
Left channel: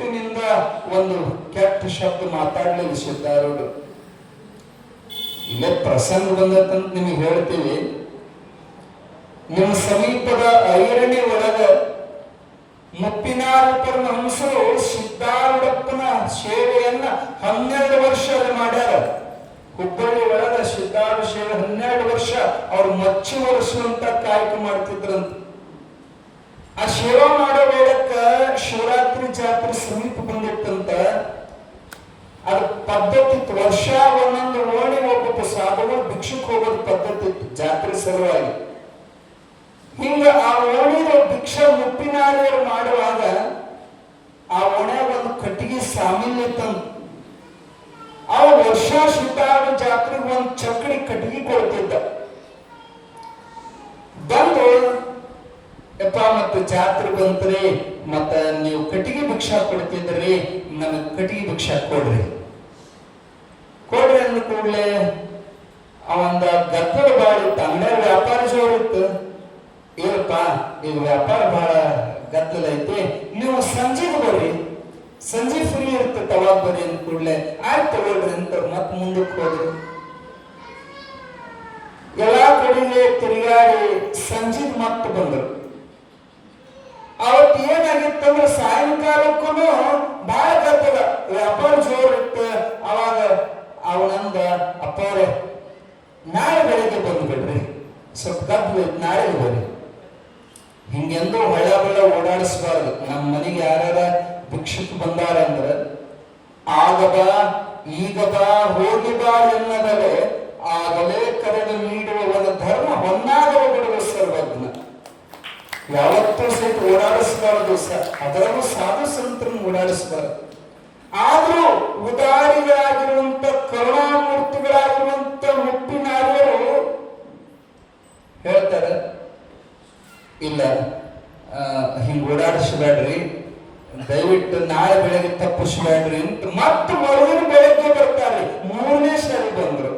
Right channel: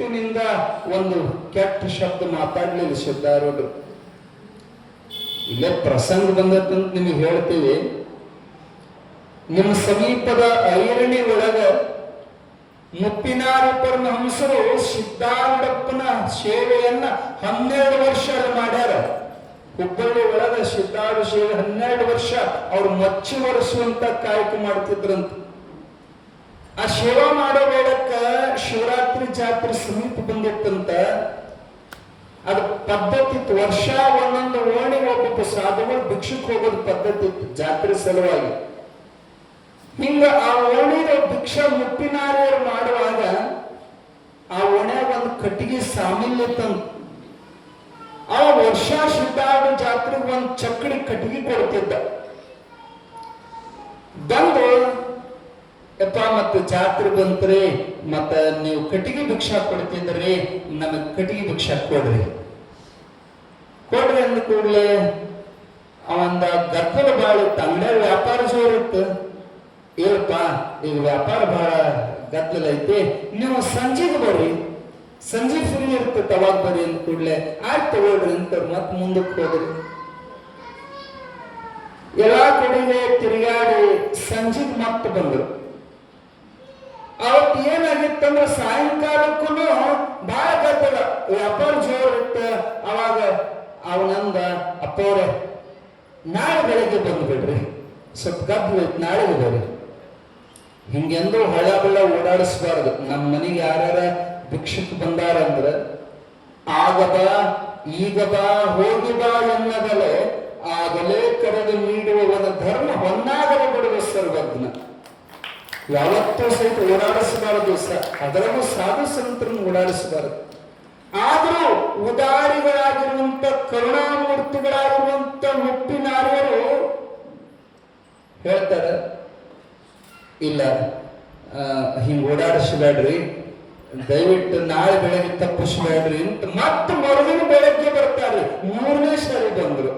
ಸಿಟ್ಟಿನಿಂದ ಒಂದು ಕೆಟ್ಟ ಶಬ್ದ ಮಾತಾಡ್ಲಿಲ್ಲ ಸಿದ್ಧಾರೂಢರು. ಇಲ್ಲೇ ಪ್ರಸಂಗ ಬಂದತ್ತಂತ ನಿಮಗೆ ಹೇಳ್ತೀವಿ. ನಿಮ್ಮ ಸಮೀಪದ ಐರಣಿ ಒಳಗ ಮುಪ್ಪಿನಾರ ಪರಮಹಂಸರು ಸಿದ್ಧಾರೂಢಪ್ಪನ ಸೇವೆಯನ್ನ 12 ವರ್ಷ ಮಾಡ್ಯಾರ. ಹುಬ್ಬಳ್ಳಿ ಒಳಗ ಸಿದ್ಧಾರೂಢ ಸೇವೆ 12 ವರ್ಷ ಅವ್ರು ಮಚ್ಚಿ ಒರೆಸುವಂತ ಕಾಯಕ ಮಾಡ್ತಿದ್ರಂತ. ಆ ಸೇವಾ ಮಾಡೋ ವೇಳಕ್ಕ ಶಿವರಾತ್ರಿ ಜಾತ್ರೆ ಸಮೀಪ ಬಂದಿತ್ತಂತ. ಅದ ಪದ್ಧತಿ ಇತ್ತು. ವರ್ಷ ಒಂದೊಂದು ಓಣಿ ಒಬ್ಬೊಬ್ಬ ಸಾಧುಗಳು ಭಿಕ್ಷುಕ್ ಹೋಗೋದು ಪದ್ಧತಿ ಇತ್ತು ಜಾತ್ರೆ ಸಲುವಾಗಿ. ಹಿಂಗ ಆ ಓಣಿಯ ಭಿಕ್ಷಾ ಮುಪ್ಪಿನಾರಿಯರು ಮಾಡುವಾಗ ಆ ಓಣ್ಯಾಗ ಒಂದು ಕಟ್ಟಿಗೆ ಸಾಮಾನ್ಯ ಇತ್ತಂತ. ಆ ವರ್ಷ ಸಿದ್ಧಾರೂಢ ಜಾತ್ರೆಗೆ ಒಂದು ಚಕ್ಕಡಿ ಕಟ್ಟಿಗೆ ಕೊಡ್ತಿದ್ದ. ಬಂದು ಯಪ್ಪ ಮತ್ತೆ ಜಾತ್ರೆ ಬಂತ್ರಿ, ಮತ್ತ ನೀವು ಕಟ್ಟಿಗೆ ಭಿಕ್ಷಾ ಕೊಡ್ತಿದ್ರಿ, ನನಗೆ ಕಟ್ಟಿಗೆ ಭಿಕ್ಷಾ ಕೊಡ್ರಿ ಅಂದ ಕೂಡಲೇ ಅವಂದ ಗದ್ದಲ ಬಾಳ ಇತ್ತು. ಅಂಗಡಿಯ ವ್ಯಾಪಾರ ಜೋರಿತ್ತು. ಏನಪ್ಪ ಈಗ ವ್ಯಾಪಾರ ಬಹಳ ಗದ್ದಲ ಐತಿ, ನೀವು ಸಂಜೆಗೆ ಬರ್ರಿ, ಸಂಜೆ ಫ್ರೀ ಇರ್ತೈತೆ ಅವಾಗ ಬರ್ರಿ ಅಂದ ಕೂಡಲೇ ಆಯ್ತು ತಗೊಳ್ರಿ ಅಂತ ಮತ್ತೆ ಮುಂದಕ್ಕೆ ಹೋದ್ರಿ. ಎಲ್ಲಾ ಕಡೆಗೆ ತಿರುಗಾಡಿ ಸಂಜೆಗೆ ಮತ್ತೆ ಬಂದ್ರು. ಅವತ್ತು ಏನಾಗಿತ್ತಂದ್ರೆ ಸಾಯಂಕಾಲಕ್ಕೂ ಬಹಳ ಗದ್ದಲ, ವ್ಯಾಪಾರ ಜೋರ್ ಇತ್ತು. ಅವಾಗ ಅವನಂದ ಅಪ್ಪವ್ರೆ ನಾಳೆ ಬೆಳಗ್ಗೆ ಬಂದ್ಬಿಡ್ರಿ, ಸ್ವಲ್ಪ ಗದ್ದಲ ಇತ್ತು, ನಾಳೆ ಬರ್ರಿ. ಹಿಂಗೆಂದು ಹಳ್ಳ ಬೆಳ ಓಡಾಡಿಸ್ಬಾರ್ದು. ನಮ್ಮ ಮನೆಗೆ ಯಾರ್ಯಾರ ಭಿಕ್ಷುಕ್ ಬಂದಾರ ಅಂದ್ರೆ ಆಗ ಬಾ ಈಗ ಬಾ ಹೋಗಿ ಬಾ ಎನ್ನದಲೆ ಆಗಲೇ ಕರೆದು ನೀಡುವ ಒಂದು ಧರ್ಮ ಹೊನ್ನಾಗಲು ಬಿಡುವ ಸರ್ವಜ್ಞ. ಯಾವತ್ತೂ ಸಹಿತ ಓಡಾಡಿಸಬಾರದು. ಅದರಲ್ಲೂ ಸಾಧು ಸಂತರನ್ನು ಓಡಾಡಿಸಬಾರದು. ಆದ್ರೂ ಉದಾರಿಗಳಾಗಿರುವಂತ ಕರುಣಾಮೂರ್ತಿಗಳಾಗಿರುವಂತ ಮುಪ್ಪಿನಾರ್ಯರು ಹೇಳ್ತಾರೆ, ಇಲ್ಲ ಹಿಂಗ ಓಡಾಡಿಸಬೇಡ್ರಿ, ದಯವಿಟ್ಟು ನಾಳೆ ಬೆಳಗ್ಗೆ ತಪ್ಪಿಸಬೇಡ್ರಿ ಅಂತ ಮತ್ತೆ ಮರುದಿನ ಬೆಳಗ್ಗೆ ಬರ್ತಾರೆ. 3ನೇ ಸರಿ ಬಂದ್ರು.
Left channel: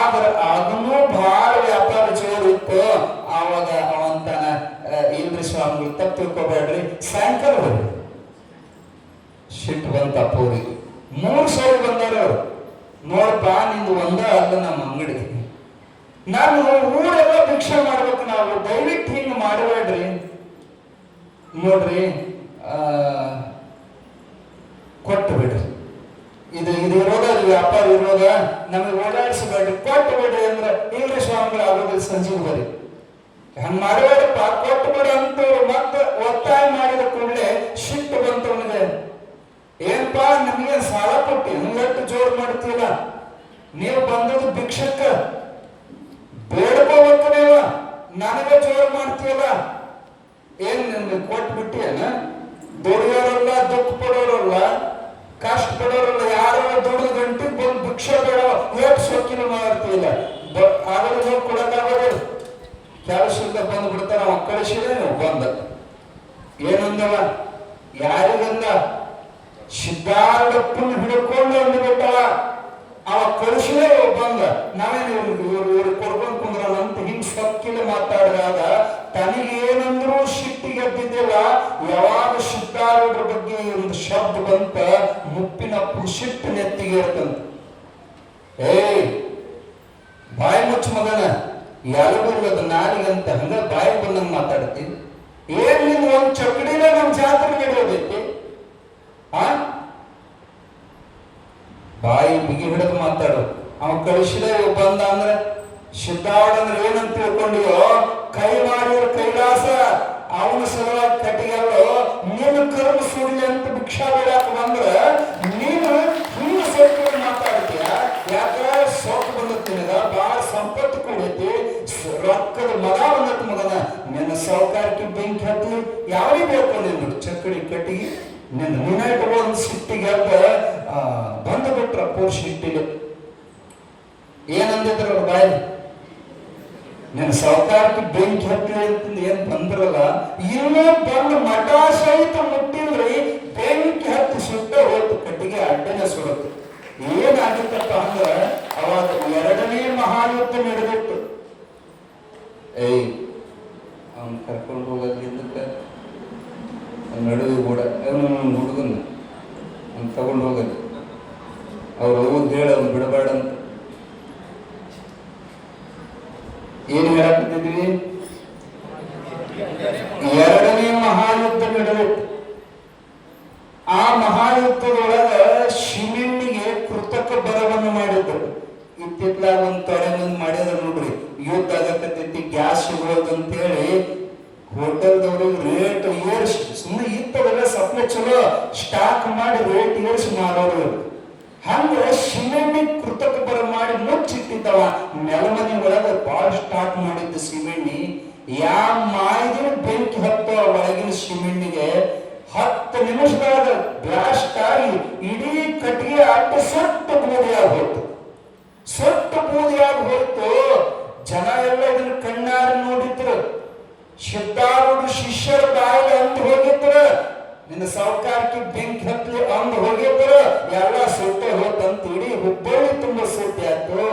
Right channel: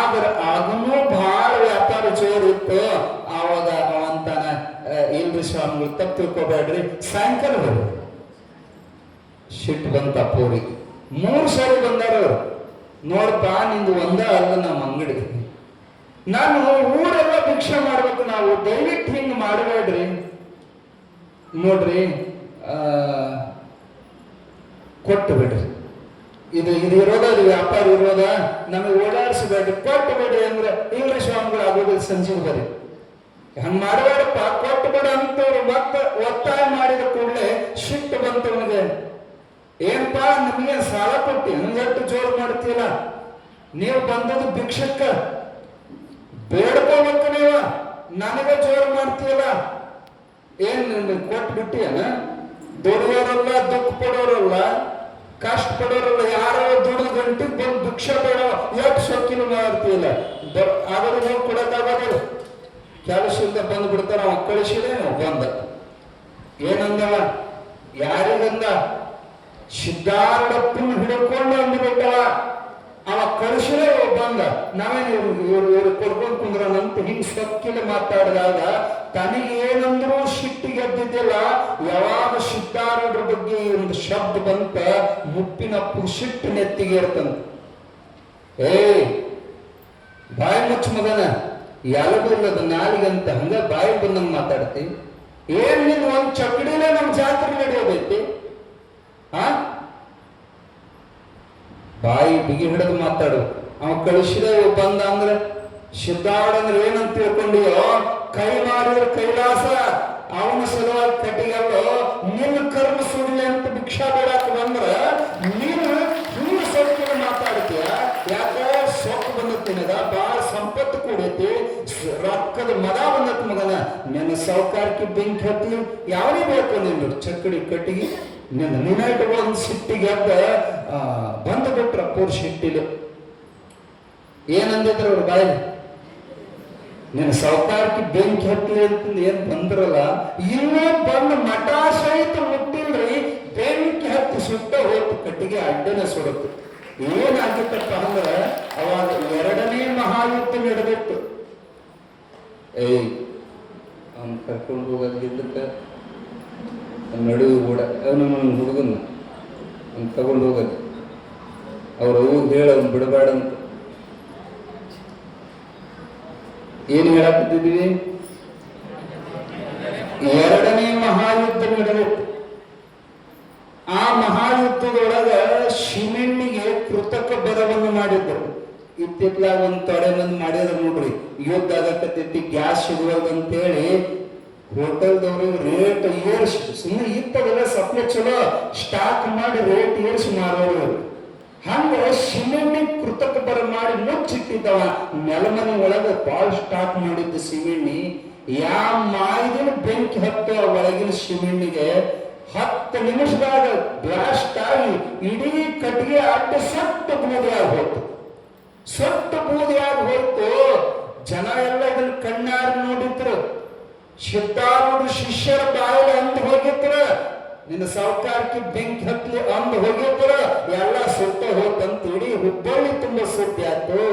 ಆದ್ರೆ ಅದನ್ನೂ ಬಹಳ ವ್ಯಾಪಾರ ಜೋರು ಇತ್ತು. ಆವಾಗ ಅವಂತಾನ ಇಲ್ರಿ ಸ್ವಾಮಿಗಳು ತಪ್ಪು ತಿಳ್ಕೊಬೇಡ್ರಿ, ಸಾಯಂಕಾಲ ಬರ್ರಿ. ಸಿಟ್ಟು ಬಂತ ಅಪ್ಪವ್ರಿಗೆ. 3 ಸರಿ ಬಂದಾರ. ನೋಡಪ್ಪ ನಿಂದು ಒಂದ ಅಲ್ಲ ನಮ್ಮ ಅಂಗಡಿ, ನಾನು ಊರೆಲ್ಲ ಭಿಕ್ಷೆ ಮಾಡ್ಬೇಕು, ನಾವು ದಯವಿಟ್ಟು ಹಿಂಗ ಮಾಡಬೇಡ್ರಿ. ನೋಡ್ರಿ ಕೊಟ್ಟು ಬಿಡ್ರಿ, ಇದು ಇರೋದ ವ್ಯಾಪಾರ ಇರೋದ, ನಮಗೆ ಓಡಾಡಿಸಬೇಡ್ರಿ, ಕೊಟ್ಟು ಬಿಡ್ರಿ ಅಂದ್ರೆ ಇಲ್ರಿ ಸ್ವಾಮಿಗಳು ಆಗೋದಿಲ್ಲ, ಸಂಜೆ ಬರ್ರಿ. ಹಂಗ ಮಾಡಬೇಡಪ್ಪ, ಕೊಟ್ಟು ಬಿಡ ಅಂತ ಮತ್ತೆ ಒತ್ತಾಯ ಮಾಡಿದ ಕೂಡಲೇ ಸಿಟ್ಟು ಬಂತು ಅವನಿಗೆ. ಏನಪ್ಪಾ ನಮಗೆ ಸಾಲ ಕೊಟ್ಟು ಹಿಂಗಟ್ಟು ಜೋರು ಮಾಡ್ತೀರ, ನೀವು ಬಂದದ್ದು ಭಿಕ್ಷಕ್ಕ ಬೇಡ್ಕೋಬೇಕು, ನೀವು ನನಗೆ ಜೋರು ಮಾಡ್ತೀಯಲ್ಲ, ಏನ್ ಕೊಟ್ಟು ಬಿಟ್ಟಿಯಲ್ಲ. ದುಡಿಯೋರಲ್ಲ, ದುಃಖ ಪಡೋರಲ್ಲ, ಕಷ್ಟ ಪಡೋರಲ್ಲ, ಯಾರೋ ದುಡಿದ ಗಂಟೆ ಬಂದು ಭಿಕ್ಷೆ ಬೇಡ ಎಷ್ಟು ಸೊಕ್ಕಿನ ಮಾಡ್ತೀಯಲ್ಲ, ಆದ್ರೆ ನೀವು ಕೊಡಕ್ಕಾಗೋದಿಲ್ಲ. ಕೆಲಸದಿಂದ ಬಂದು ಬಿಡ್ತಾರ, ಅವ ಕಳಿಸಿದ್ರೆ ನಾವು ಬಂದ ಏನಂದವ, ಯಾರಿಗಂದ ಸಿದ್ಧಾರೂಢಪ್ಪನ ಹಿಡ್ಕೊಂಡು ಅಂದ್ಬಿಟ್ಟವ. ಅವ ಕಳಿಸಿದ್ರೆ ಬಂದ, ನಾವೇನು ಇವ್ರು ಕೊಡ್ಕೊಂಡು ಕುಂದ್ರಲ್ಲ ಹಿಂಗ್ ಸೊಕ್ಕಿನ ಮಾತಾಡಿದಾಗ ತನಗೆ ಏನಂದ್ರೂ ಸಿಟ್ಟಿಗೆ ಎದ್ದಿದ್ದಿಲ್ಲ. ಯಾವಾಗ ಸಿದ್ಧಾರೂಢರ ಬಗ್ಗೆ ಒಂದು ಶಬ್ದ ಬಂತ, ಮುಪ್ಪಿನಪ್ಪು ಸಿಟ್ಟು ನೆತ್ತಿಗೆ ಇರ್ತಂತ. ಬಾಯಿ ಮುಚ್ಚ ಮಗನ, ಯಾರಿಗಿಲ್ಲದ ನಾಲಿಗಂತ ಹಂಗ ಬಾಯಿ ಬಂದಂಗ ಮಾತಾಡ್ತಿ. ಏನ್ ನಿನ್ ಒಂದ್ ಚಕಡಿನೇ ನಮ್ ಜಾತ್ರೆ ನಡೆಯೋದೈತಿ. ಬಾಯಿ ಬಿಗಿ ಹಿಡಿದು ಮಾತಾಡು. ಅವ ಕಳಿಸಿದೆ ಬಂದ ಅಂದ್ರೆ ಸಿದ್ಧಾರೂಢ ಏನಂತ ತಿಳ್ಕೊಂಡಿಯೋ, ಕೈ ಮಾಡಿರೋ ಕೈಲಾಸ ಅವನ ಸಲುವಾಗಿ ಕಟ್ಟಿಗೆಲ್ಲೋ ನಿನ್ನ ಕರ್ಮ ಸುಳ್ಳಿ ಅಂತ ಭಿಕ್ಷಾ ಬೇಡಾಕ ಬಂದ್ರ ನೀನು ಹಿಂಗ ಸೊಕ್ಕು ಮಾತಾಡ್ತೀಯ. ಯಾಕೆ ಸೊಕ್ಕು ಬಂದತ್ತೀಗ, ಬಹಳ ಸಂಪತ್ತು ಕೂಡೈತಿ, ರೊಕ್ಕದ ಮಗ ಬಂದತ್ ಮಗನ, ನಿನ್ನ ಸೌಕಾರಕ್ಕೆ ಬೆಂಕಿ ಹತ್ತಿ ಯಾವೇ ಬೇಕು ನಿನ್ನ ಚಕ್ಕಡಿ ಕಟ್ಟಿಗೆ ನಿನ್ನ ನಿನ್ನ ಒಂದು ಸಿಟ್ಟಿಗೆ ಬಂದು ಬಿಟ್ರ ಪೂರ್ ಸಿಟ್ಟಿಗೆ. ಏನಂದಿದ್ರು ಬಾಯಿ, ನಿನ್ನ ಸೌಕಾರಕ್ಕೆ ಬೆಂಕಿ ಹತ್ತಿ ಅಂತ ಏನ್ ಬಂದ್ರಲ್ಲ, ಇನ್ನೂ ಬಂದು ಮಠ ಸಹಿತ ಮುಟ್ಟಿಲ್ರಿ, ಬೆಂಕಿ ಹತ್ತಿ ಸುಟ್ಟ ಹೋಯ್ತು, ಕಟ್ಟಿಗೆ ಅಡ್ಡನೆ ಸುಡುತ್ತೆ. ಏನಾಗಿತ್ತಪ್ಪ ಅಂದ್ರೆ ಅವಾಗ 2ನೇ ಮಹಾಯುದ್ಧ ನಡೆದಿತ್ತು. ಅವ್ನು ಕರ್ಕೊಂಡು ಹೋಗೋದ್ರಿಂದ ನಡುವೆ ಕೂಡ ಅವನು ಅಂತ ತಗೊಂಡು ಹೋಗೋದು. ಅವ್ರು ಹೇಳ ಬಿಡಬೇಡ ಅಂತ. ಏನು ಹೇಳಕ್ತಿದ್ವಿ? ಎರಡನೇ ಮಹಾಯುದ್ಧ ನಡೆಯಿತು. ಆ ಮಹಾಯುದ್ಧದೊಳಗ ಶಿಮೆಣ್ಣಿಗೆ ಕೃತಕ ಬರವನ್ನು ಮಾಡಿದ್ರು. ಇತ್ತಿತ್ಲಾಗ ಒಂದು ತೊಡೆ ಮಂದಿ ಮಾಡಿದ್ರು ನೋಡ್ರಿ, ಯುದ್ಧ ಆಗತ್ತೈತಿ, ಗ್ಯಾಸ್ ಸಿಗೋದಂತೇಳಿ ಹೋಟೆಲ್ದವ್ರು ರೇಟ್ ಏರ್ಸಿ, ಸುಮ್ಮನೆ ಇತ್ತವೆಲ್ಲ ಸಪ್ಲೈ ಚಲೋ ಸ್ಟಾಕ್ ಮಾಡಿ ರೇಟ್ ಏರ್ಸಿ ಮಾರೋರು. ಹಂಗ ಸಿಮೆಂಟ್ ಕೃತಕ ಬರ ಮಾಡಿ ಮುಚ್ಚಿಟ್ಟಿದ್ದವ. ನೆಲಮನೆ ಒಳಗ ಬಾಳ ಸ್ಟಾಕ್ ಮಾಡಿದ್ದ ಸಿಮೆಣ್ಣಿ ಯಾವ ಮಾಯಿದ ಬೆಂಕಿ ಹತ್ತೋ ಒಳಗಿನ ಸಿಮೆಣ್ಣಿಗೆ 10 ನಿಮಿಷದಾಗ ಬ್ಲಾಸ್ಟ್ ಆಗಿ ಇಡೀ ಕಟ್ಟಿಗೆ ಅಡ್ಡ ಸೊಟ್ಟು ಬೂದಿಯಾಗಿ ಹೋಯ್ತು. ಸೊಟ್ಟು ಬೂದಿಯಾಗಿ ಹೋಯ್ತು. ಜನ ಎಲ್ಲ ಅದನ್ನ ಕಣ್ಣಾರು ನೋಡಿದ್ರು. ಸಿದ್ಧಾರೂಢ ಶಿಷ್ಯರ ಬಾಯಿಗೆ ಅಂದು ಹೋಗಿದ್ರು, ನಿನ್ನ ಸಾವುಕಾರಕ್ಕೆ ಬೆಂಕಿ ಹತ್ತಲಿ ಅಂದು ಹೋಗಿದ್ರು. ಎಲ್ಲ ಸುಟ್ಟೆ ಹೋತಂತ ಇಡೀ ಹುಬ್ಬಳ್ಳಿ ತುಂಬ ಸುಟ್ಟಿ ಆಯ್ತು.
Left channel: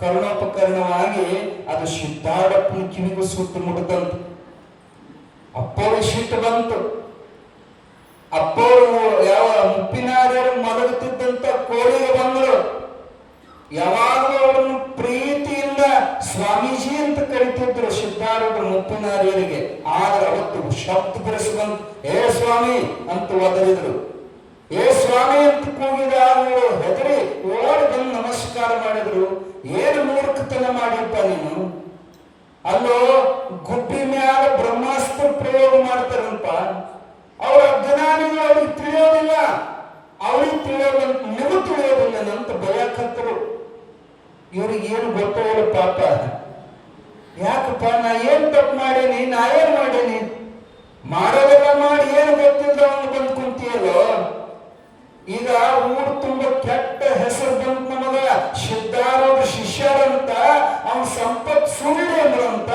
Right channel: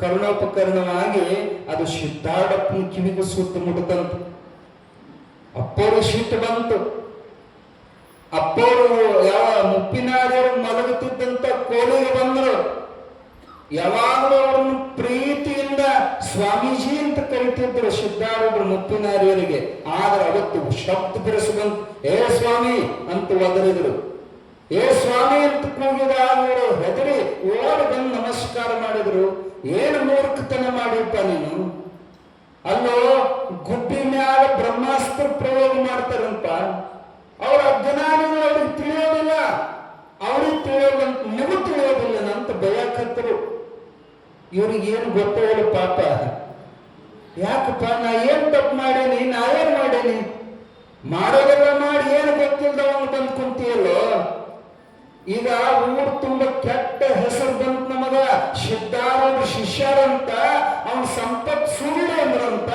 ಕರ್ಣೋಪಕರಣವಾಗಿ ಅದು ಸಿದ್ಧಾರೂಢಪ್ಪನ ಕಿವಿಗೂ ಸುತ್ತು ಮುಟ್ಟದಂತ. ಅಪ್ಪರು ಸಿಟ್ಟು ಬಂತು. ಅಪ್ಪರು ಯಾವ ಮುಪ್ಪಿನಾರ್ಯರು ಮಲಗುತ್ತಿದ್ದಂತ ಕೋಳಿಗೆ ಬಂದ್ರು. ಯಾವಾಗಲೂ ಅವರನ್ನು ಪ್ರೀತಿಯಿಂದ ಸ್ವಾಮೀಜಿ ಅಂತ ಕರಿತಿದ್ರು ಸಿದ್ಧಾರೂಢರು ಮುಪ್ಪಿನಾರ್ಯರಿಗೆ. ಆದ್ರೆ ಅವತ್ತು ಶಬ್ದ ಬೆರೆಸಿ ಬಂತು, ಏ ಸ್ವಾಮಿ ಅಂತ ಒದರಿದ್ರು. ಏ ಸ್ವಾಮಿ ಅಂತ ಕೂಗಿದ ಅವರು ಹೆದರಿ ಓಡಿ ಬಂದು ನಮಸ್ಕಾರ ಮಾಡಿದ್ರು. ಏನು ಮೂರ್ಖತನ ಮಾಡಿದ್ದ ನೀನು? ಅಲ್ಲೋ ಗುಬ್ಬಿ ಮ್ಯಾಲ ಬ್ರಹ್ಮಾಸ್ತ್ರ ಪ್ರಯೋಗ ಮಾಡ್ತಾರಂತ. ಅವ್ರ ಅಜ್ಞಾನಿಗಳು ಅವ್ರಿಗೆ ತಿಳಿಯೋದಿಲ್ಲ, ಅವ್ರಿಗೆ ತಿಳಿಯೋದಿಲ್ಲ, ನಿಮಗೂ ತಿಳಿಯೋದಿಲ್ಲ ಅಂತ ಬಯಕತ್ತರು. ಇವ್ರಿಗೆ ಏನು ಗೊತ್ತಾಗಲ್ಲ ಪಾಪ. ಯಾಕಪ್ಪ ನಾ ಏನ್ ತಪ್ಪು ಮಾಡೀನಿ? ನಾ ಏನ್ ಮಾಡೀನಿ? ಮಾಡೋದೆಲ್ಲ ಮಾಡಿ ಏನು ಗೊತ್ತಿಲ್ಲ ಅವನು ಬಂದು ಕುಂತಿಯಲ್ಲೋ. ಈಗ ಊರು ತುಂಬ ಕೆಟ್ಟ ಹೆಸರು ಬಂತು ನಮಗ. ಸಿದ್ಧಾರೂಢ ಶಿಷ್ಯರಂತ ಅವನ ಸಂಪತ್ ಸುಳ್ಳು ಅಂದ್ರಂತ,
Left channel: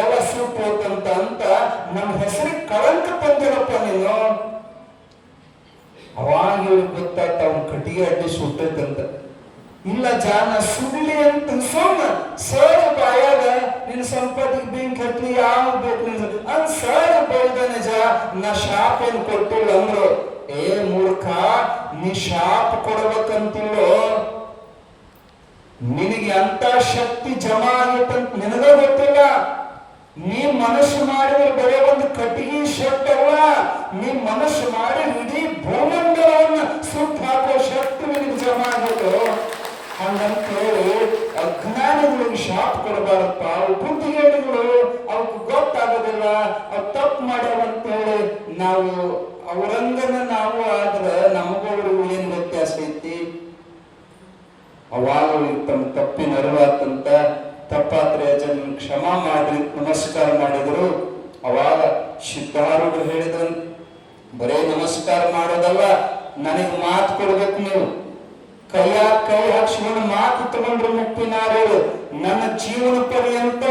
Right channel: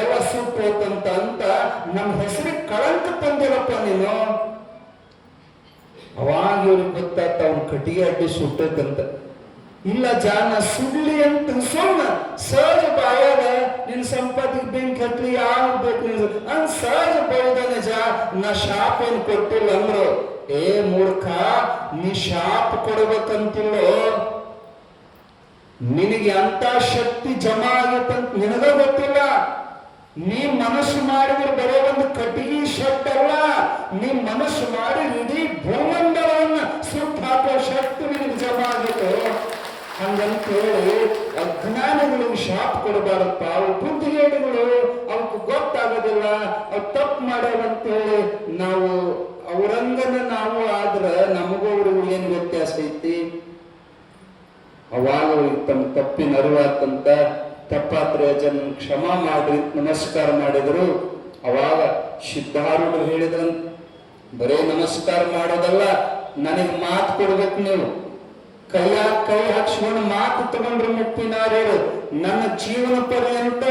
ಎಲ್ಲ ಸುಟ್ಟು ಹೋತಂತ ಅಂತ ನಮ್ಮ ಹೆಸರಿಗೆ ಕಳಂಕ ತಂದಿರಪ್ಪ ನೀನು. ಅವಾಗ ಇವ್ರಿಗೆ ಗೊತ್ತಾಗ್ತ ಅವ್ನ ಕಟ್ಟಿಗೆ ಅಡ್ಡಿ ಸುಟ್ಟದಂತ. ಇಲ್ಲ ಜಾನ ಸುಳ್ಳಿ ಅಂತ ಸುಮ್ಮ ಸಹಜ ಬಾಯಾಗ ನಿನ್ನ ಸಂಪತ್ತಿಗೆ ಬೆಂಕಿ ಹತ್ಲಿ ಯಾವ ಬೇಕು ಅಂದ್ ಸಹಜ ಬೌದ ನಿಜ. ನಾ ಶಾಪ ಏನ್ ಕೊಟ್ಟಿಲ್ಲ ಅಂದ್ರು. ಏ ಮೂರ್ಖ, ನೀ ಶಾಪ ಕೊಡ್ಬೇಕಂತಂದು ನಿನಗೆ ಅಂತ ಶಕ್ತಿ ಜಮಾ ಆಗತ್ತಂತ ನಿನಗ ಗೊತ್ತಿಲ್ಲ. ನೀ ಮನಸ್ಸು ಮಾಡಿದ್ರೆ ಬರೀ ಒಂದು ಕಟ್ಟಿಗೆ ಶಕ್ತಿ ಅಲ್ಲ, ನೀ ಮನಸ್ಸು ಮಾಡಿ ಇಡೀ ಭೂಮಂಡಲವನ್ನು ಸುತ್ತ ಹಾಕೋ ಶಕ್ತಿ ನಿನಗೆ ಜಮಾ ಆಗತ್ತು. ಹಂಗಂತೇಳಿ ಅಜ್ಞಾನಿಗಳಿಗೆ ಶಾಪ ಕೊಡಬಾರಪ್ಪ. ಅವು ಬುದ್ಧಿಗಳು ಅವಕ್ಕೆ ಗೊತ್ತಾಗೋದಿಲ್ಲ, ಅವು ತಪ್ಪು ಮಾಡ್ಯಾರಂತೇಳಿ ನಾವು ಅವರಂಗನ ನಾವು ಆದ್ರೆ ನಮಗೋರು ಏನು ವ್ಯತ್ಯಾಸ ಐತಿ? ಅವಾಗ ತಮ್ಮ ತಪ್ಪಿನ ಅರಿವಾತಂತ ತಪ್ಪಾದ್ರೆ ಜನ ಕ್ಷಮಾ ಮಾಡ್ರಿ ನಮಸ್ಕಾರ ಮಾಡಿದ್ರು. ಅವಾಗ ಸಿದ್ಧಾರೂಢರು ಹೇಳಿದ್ರಂತ, ಬರೇ ನಮಸ್ಕಾರ ಮಾಡೋದಲ್ಲ, ನನಗೆ ಮಾತು ಕೊಡ್ಬೇಕು. ನೀವು ಕೈ ಹಾಕ್ಸ್ಕೊಂಡು ಮಾತು ತಗೊಂಡ್ರು ಮುಪ್ಪಿನಾರ್ಯರು. ನನ್ನ ಜೀವನ ಪರ್ಯಂತ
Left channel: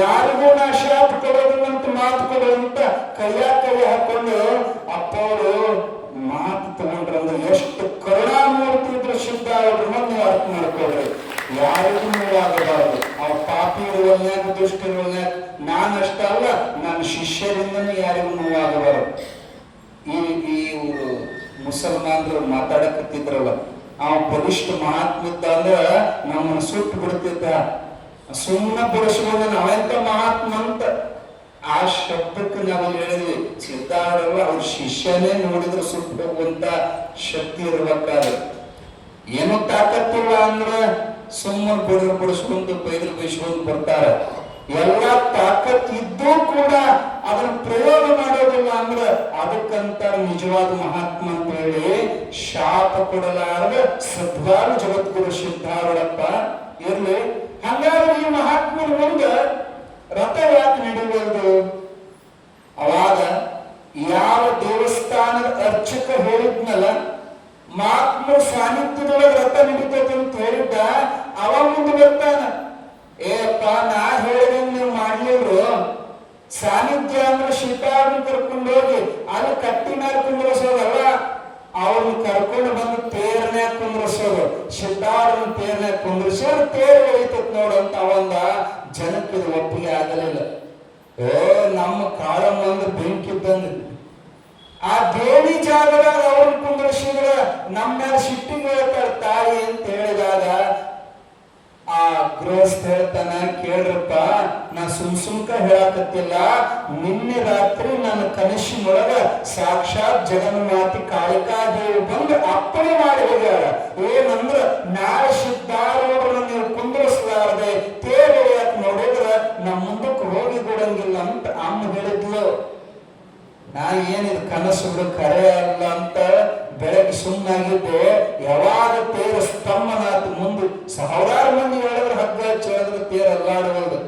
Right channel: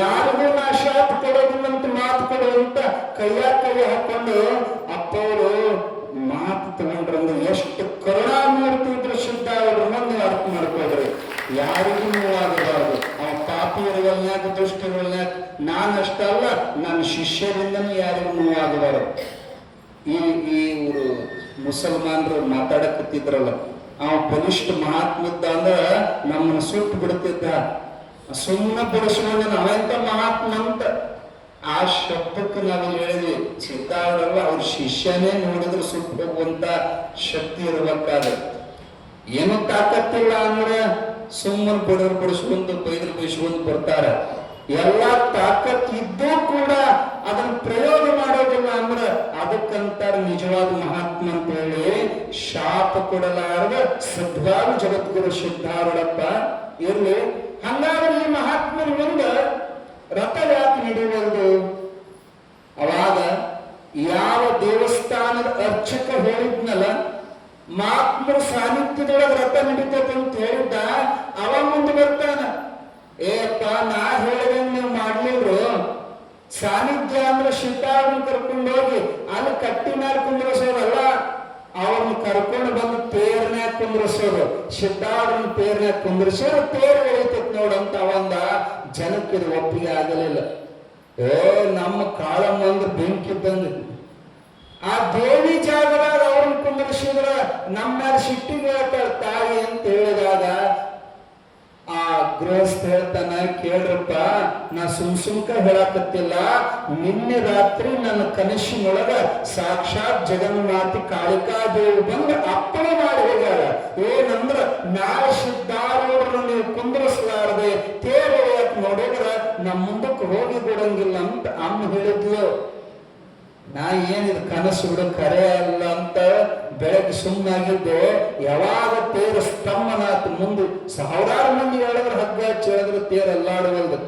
ಯಾರಿಗೂ ನಾ ಶಾಪ ಕೊಡೋದಿಲ್ಲಂತ ಮಾತು ಕೊಡುವಂತ ಕೈ ಹಾಕೊಂಡು ಅಪ್ಪವರು ಮಾತು ತಗೊಂಡ್ರಂದ್ರೆ ಎಷ್ಟು ಕರುಣಾಮೂರ್ತಿ ಇದ್ರು ಸಿದ್ಧಾರೂಢರು. ನೀವು ಅರ್ಥ ಮಾಡ್ಕೊಳ್ರಿ, ಯಾರಿಗೂ ನೋವಾಗಬಾರದು. ಆ ಪಾಪಿಗಳನ್ಯಾಗ ದುಷ್ಟಿಗಳನ್ಯಾಗ ನಾನಷ್ಟಲ್ಲ, ನನ್ನ ಶಿಷ್ಯರಿಂದನೂ ಯಾರಿಗೂ ನೋವಾಗಬಾರದು. ಈ ಮುಸಲ್ಮಾನರು ಮಾತಾಡಕತ್ತಿದ್ರಲ್ಲ, ಅವ ಬಲಿಷ್ಠ ಮಹಾತ್ಮದ್ದ ಅಂದ್ರ ನಮ್ಮನ್ನು ಸುಟ್ಟು ಬಿಡ್ತಿದ್ದ. ಸುಮ್ಮನೆ ಬಳಸ್ಕೊಂಡು ನಾವೆಂತ ಮಹಾತ್ಮ ಅಂತ ಆ ಶಬ್ದಕ್ಕೆ ನಾವು ಹೇಳಿದ್ವಿ. ಸಿದ್ಧಾರೂಢರಲ್ಲ, ಅವ್ರ ಶಿಷ್ಯನೇ ನೋಡಿದ್ರು ಸುಟ್ಟು ಹೋಗುವಂತ ಶಕ್ತಿ ಇರ್ಬೇಕಾದ್ರೆ. ಏನೋ ತಾಕತ್ತಿಲ್ಲ ಅಂದ್ರೆ ಸುಮ್ಮನೆ ಬಿಡಿಸ್ಕೊಂಡು ಬೈದ್ರು ಬೈಸ್ಕೊಂಡು ಬರ್ತಾರ. ಎಲ್ಲ ತಾಕತ್ ಇದ್ದೂ ಕೂಡ ಅದನ್ನ ಪ್ರಯೋಗ ಮಾಡೋದಿಲ್ಲ ಅಂದ್ರೆ ಅದಕ್ಕಂತ ನಿಜವಾದ ಮಹಾತ್ಮ ಅಂತ ಹೇಳಿ ಶಾಪ ಕೊಡಲಾರದ ಸದ್ವಾರ ಜಗದ್ಗುರು ಸಿದ್ಧಾರೂಢಪ್ಪ ಇರ್ಲಿ. ಹಂಗಾದ್ರೆ ಈ ಮಹಾತ್ಮನ ಮುಂದೆ ರಥ ಯಾಕೆ ನಡೆಯುವುದು? ಅವಾಗ ಯಾವ ದೇವಸ್ಥಾನದ ಅರ್ಚಕ ಹೇಳಿದ್ನಲ್ಲ, ಮಹಾತ್ಮರ ಸಾನ್ನಿಧ್ಯದೊಳಗೆ ರಥ ನಡೀತದೆ ಅಂತ ಹೇಳಿದ್ದ, ಅವ ಮುಂದೆ ಬರ್ತಾನ. ಏಪ್ಪ, ನಾ ಹೇಳಿದಂಗೆ ನೀವು ಮಾಡ್ಲಿವ್ರು. ಸಾನ್ನಿಧ್ಯ ಅಂದ್ರೆ ಸಿದ್ಧಾರೂಢ ಕರ್ಕೊಂಡು ಹೋಗಿ ಅಲ್ಲಿ ಕಟ್ಟಿನಾಗ ಕುಂದ್ರಸೋದಲ್ಲ, ಅವ್ರನ್ನ ಕರ್ಕೊಂಡು ಬಂದು ತೇರ್ನ್ಯಾಗ ಕುಂದ್ರಸೋದು. ಸಿದ್ಧಾರೂಢನ ತೇರ್ನ್ಯಾಗ ಕುಂದ್ರಸೋದು, ತೇರ್ ಎಳಿತತ್ ನೋಡಂತ ಅವಂದ. ಜನಕ್ಕೆ ಇದು ಒಪ್ಪಿಗೆ ಆಗಲಿಲ್ಲ. ನಮ್ಮ ಕಾಳಮ್ಮ ಅಂದ್ರೆ ಬೆಂಕಿ ಬಂದ ಆ ದೇವಿ ಜಾಗದಾಗ ಅವ್ರನ್ನ ಕುಂದ್ರಿಸಿ ನಮ್ಮ ಮೇಲೆ ಸಿಟ್ಟಿಗೆ ಹೇಳ್ತಾಳ ತಾಯಿ ಅಂತ ಹೇಳಿದಾಗ ಆ ಗೃಹಸ್ಥ ಹೇಳ್ತಾನ, ಕೇಳ್ರಪ್ಪ, ನಾ ಸುಮ್ಕ ಹೇಳಕತ್ತಿಲ್ಲ, ನಿನ್ನೆ ರಾತ್ರಿ ನನ್ನ ಕನಸಿನೊಳಗ ಸಾಕ್ಷಾತ್ ಜಗನ್ಮಾತಿ ಕಾಳಿಕಾದೇವಿ ಬಂದು ಅಪ್ಪಣೆ ಮಾಡಿ ಹೋಗ್ಯಾಳ. ಏನಂದ್ರ ನಾಳೆ ಸಿದ್ಧಾರೂಢರನ್ನ ನೀವು ಕುಂದ್ರಿಸಲಾರದೆ ತೇರು ಎಳೆಯಕ್ ನೋಡಿದ್ರ ನಮ್ಮ ಮುಂದಕ್ಕೆ ಹೋಗಿ ಕೊಡಂಗಿಲ್ಲ ಅಂತ ಅಮ್ಮ ಹೇಳಿದ್ಲು. ನಾ ಏನಿದು ಕನಸು ಕರೆ ಅಲ್ಲ ಅಂತ ಬೆಳಗ್ಗೆ ಸುಮ್ಮನಾಗಿದ್ದೆ. ಯಾವಾಗ ತೇರು ಸ್ತಂಭನಾಥ ಮುಂದೆ ಸಾವಿರಾರು ಮಂದಿ ಹೇಳಿದ್ರೆ ಹಗ್ಗ ಹೇಳಿದ್ರೆ ತೇರು ಎಲ್ಲಾಡುವುದು.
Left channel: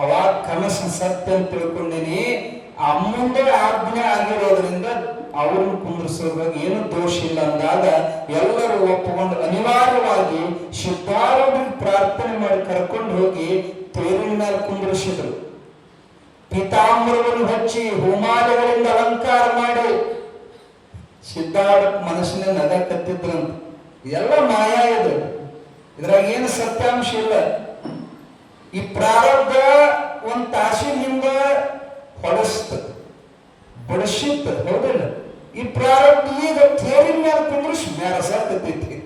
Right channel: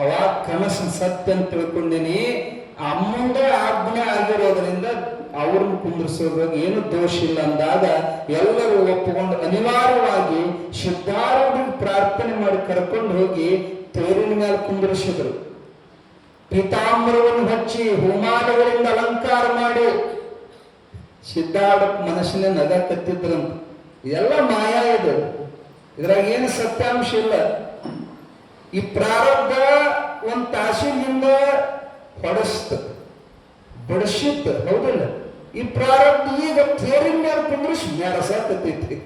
ಅವಾಗ ಕನಸು ಸತ್ಯ ಅಂತ ತಿಳ್ಕೊಂಡೇನಿ. ಅಮ್ಮಂದೇ ಆಜ್ಞೆ ಆಗಿರೋದ್ರಿಂದ ಅವ್ರನ್ನ ಕುಂದಿಸೋದ್ರಾಗ ಏನು ದೋಷ ಇಲ್ಲ ಅಂದಾಗ ಎಲ್ಲರೂ ಒಪ್ಪಿಕೊಂಡು ಅನಿವಾರ್ಯವಾಗಿ ಸಿದ್ಧಾರೂಢರಿಗೆ ಪ್ರಾರ್ಥನೆ ಮಾಡಿ ಕರ್ಕೊಂಡು ಹೋಗಿ ತೇರಿನ ಮೇಲೆ ಕುಂದಿರಿಸಿದ್ರು. ಪೀತಾಂಬರವನ್ನು ಹಚ್ಚಿ ಹೋಮಾಲೆಗಳಿಂದ ಅಲಂಕಾರ ಮಾಡಿ ಸಿದ್ಧಾರೂಢ ಮನಸ್ಸಿನ ನಗ ಕತ್ತಿದ್ರಂತ. ಇದೆಲ್ಲ ಮಾಯ ಇದೆ, ಇದ್ರಾಗ ಏನು ಸತ್ಯಾಂಶ ಇಲ್ಲ. ಈ ಪ್ರಾರಬ್ಧ ಒಂದ್ ತಾಸಿನಿಂದ ಹೊಡಸ್ತ ಬಡಸಿತ್ತ, ಹೌದಿಲ್ಲ? ಈ ಪ್ರಾರಬ್ಧ ಈಗ ತೇರಿನ ಮೇಲೆ ಕುಂದ್ರಿಸಿ ಮ್ಯಾರಸಾಕತ್ತೈತಿ.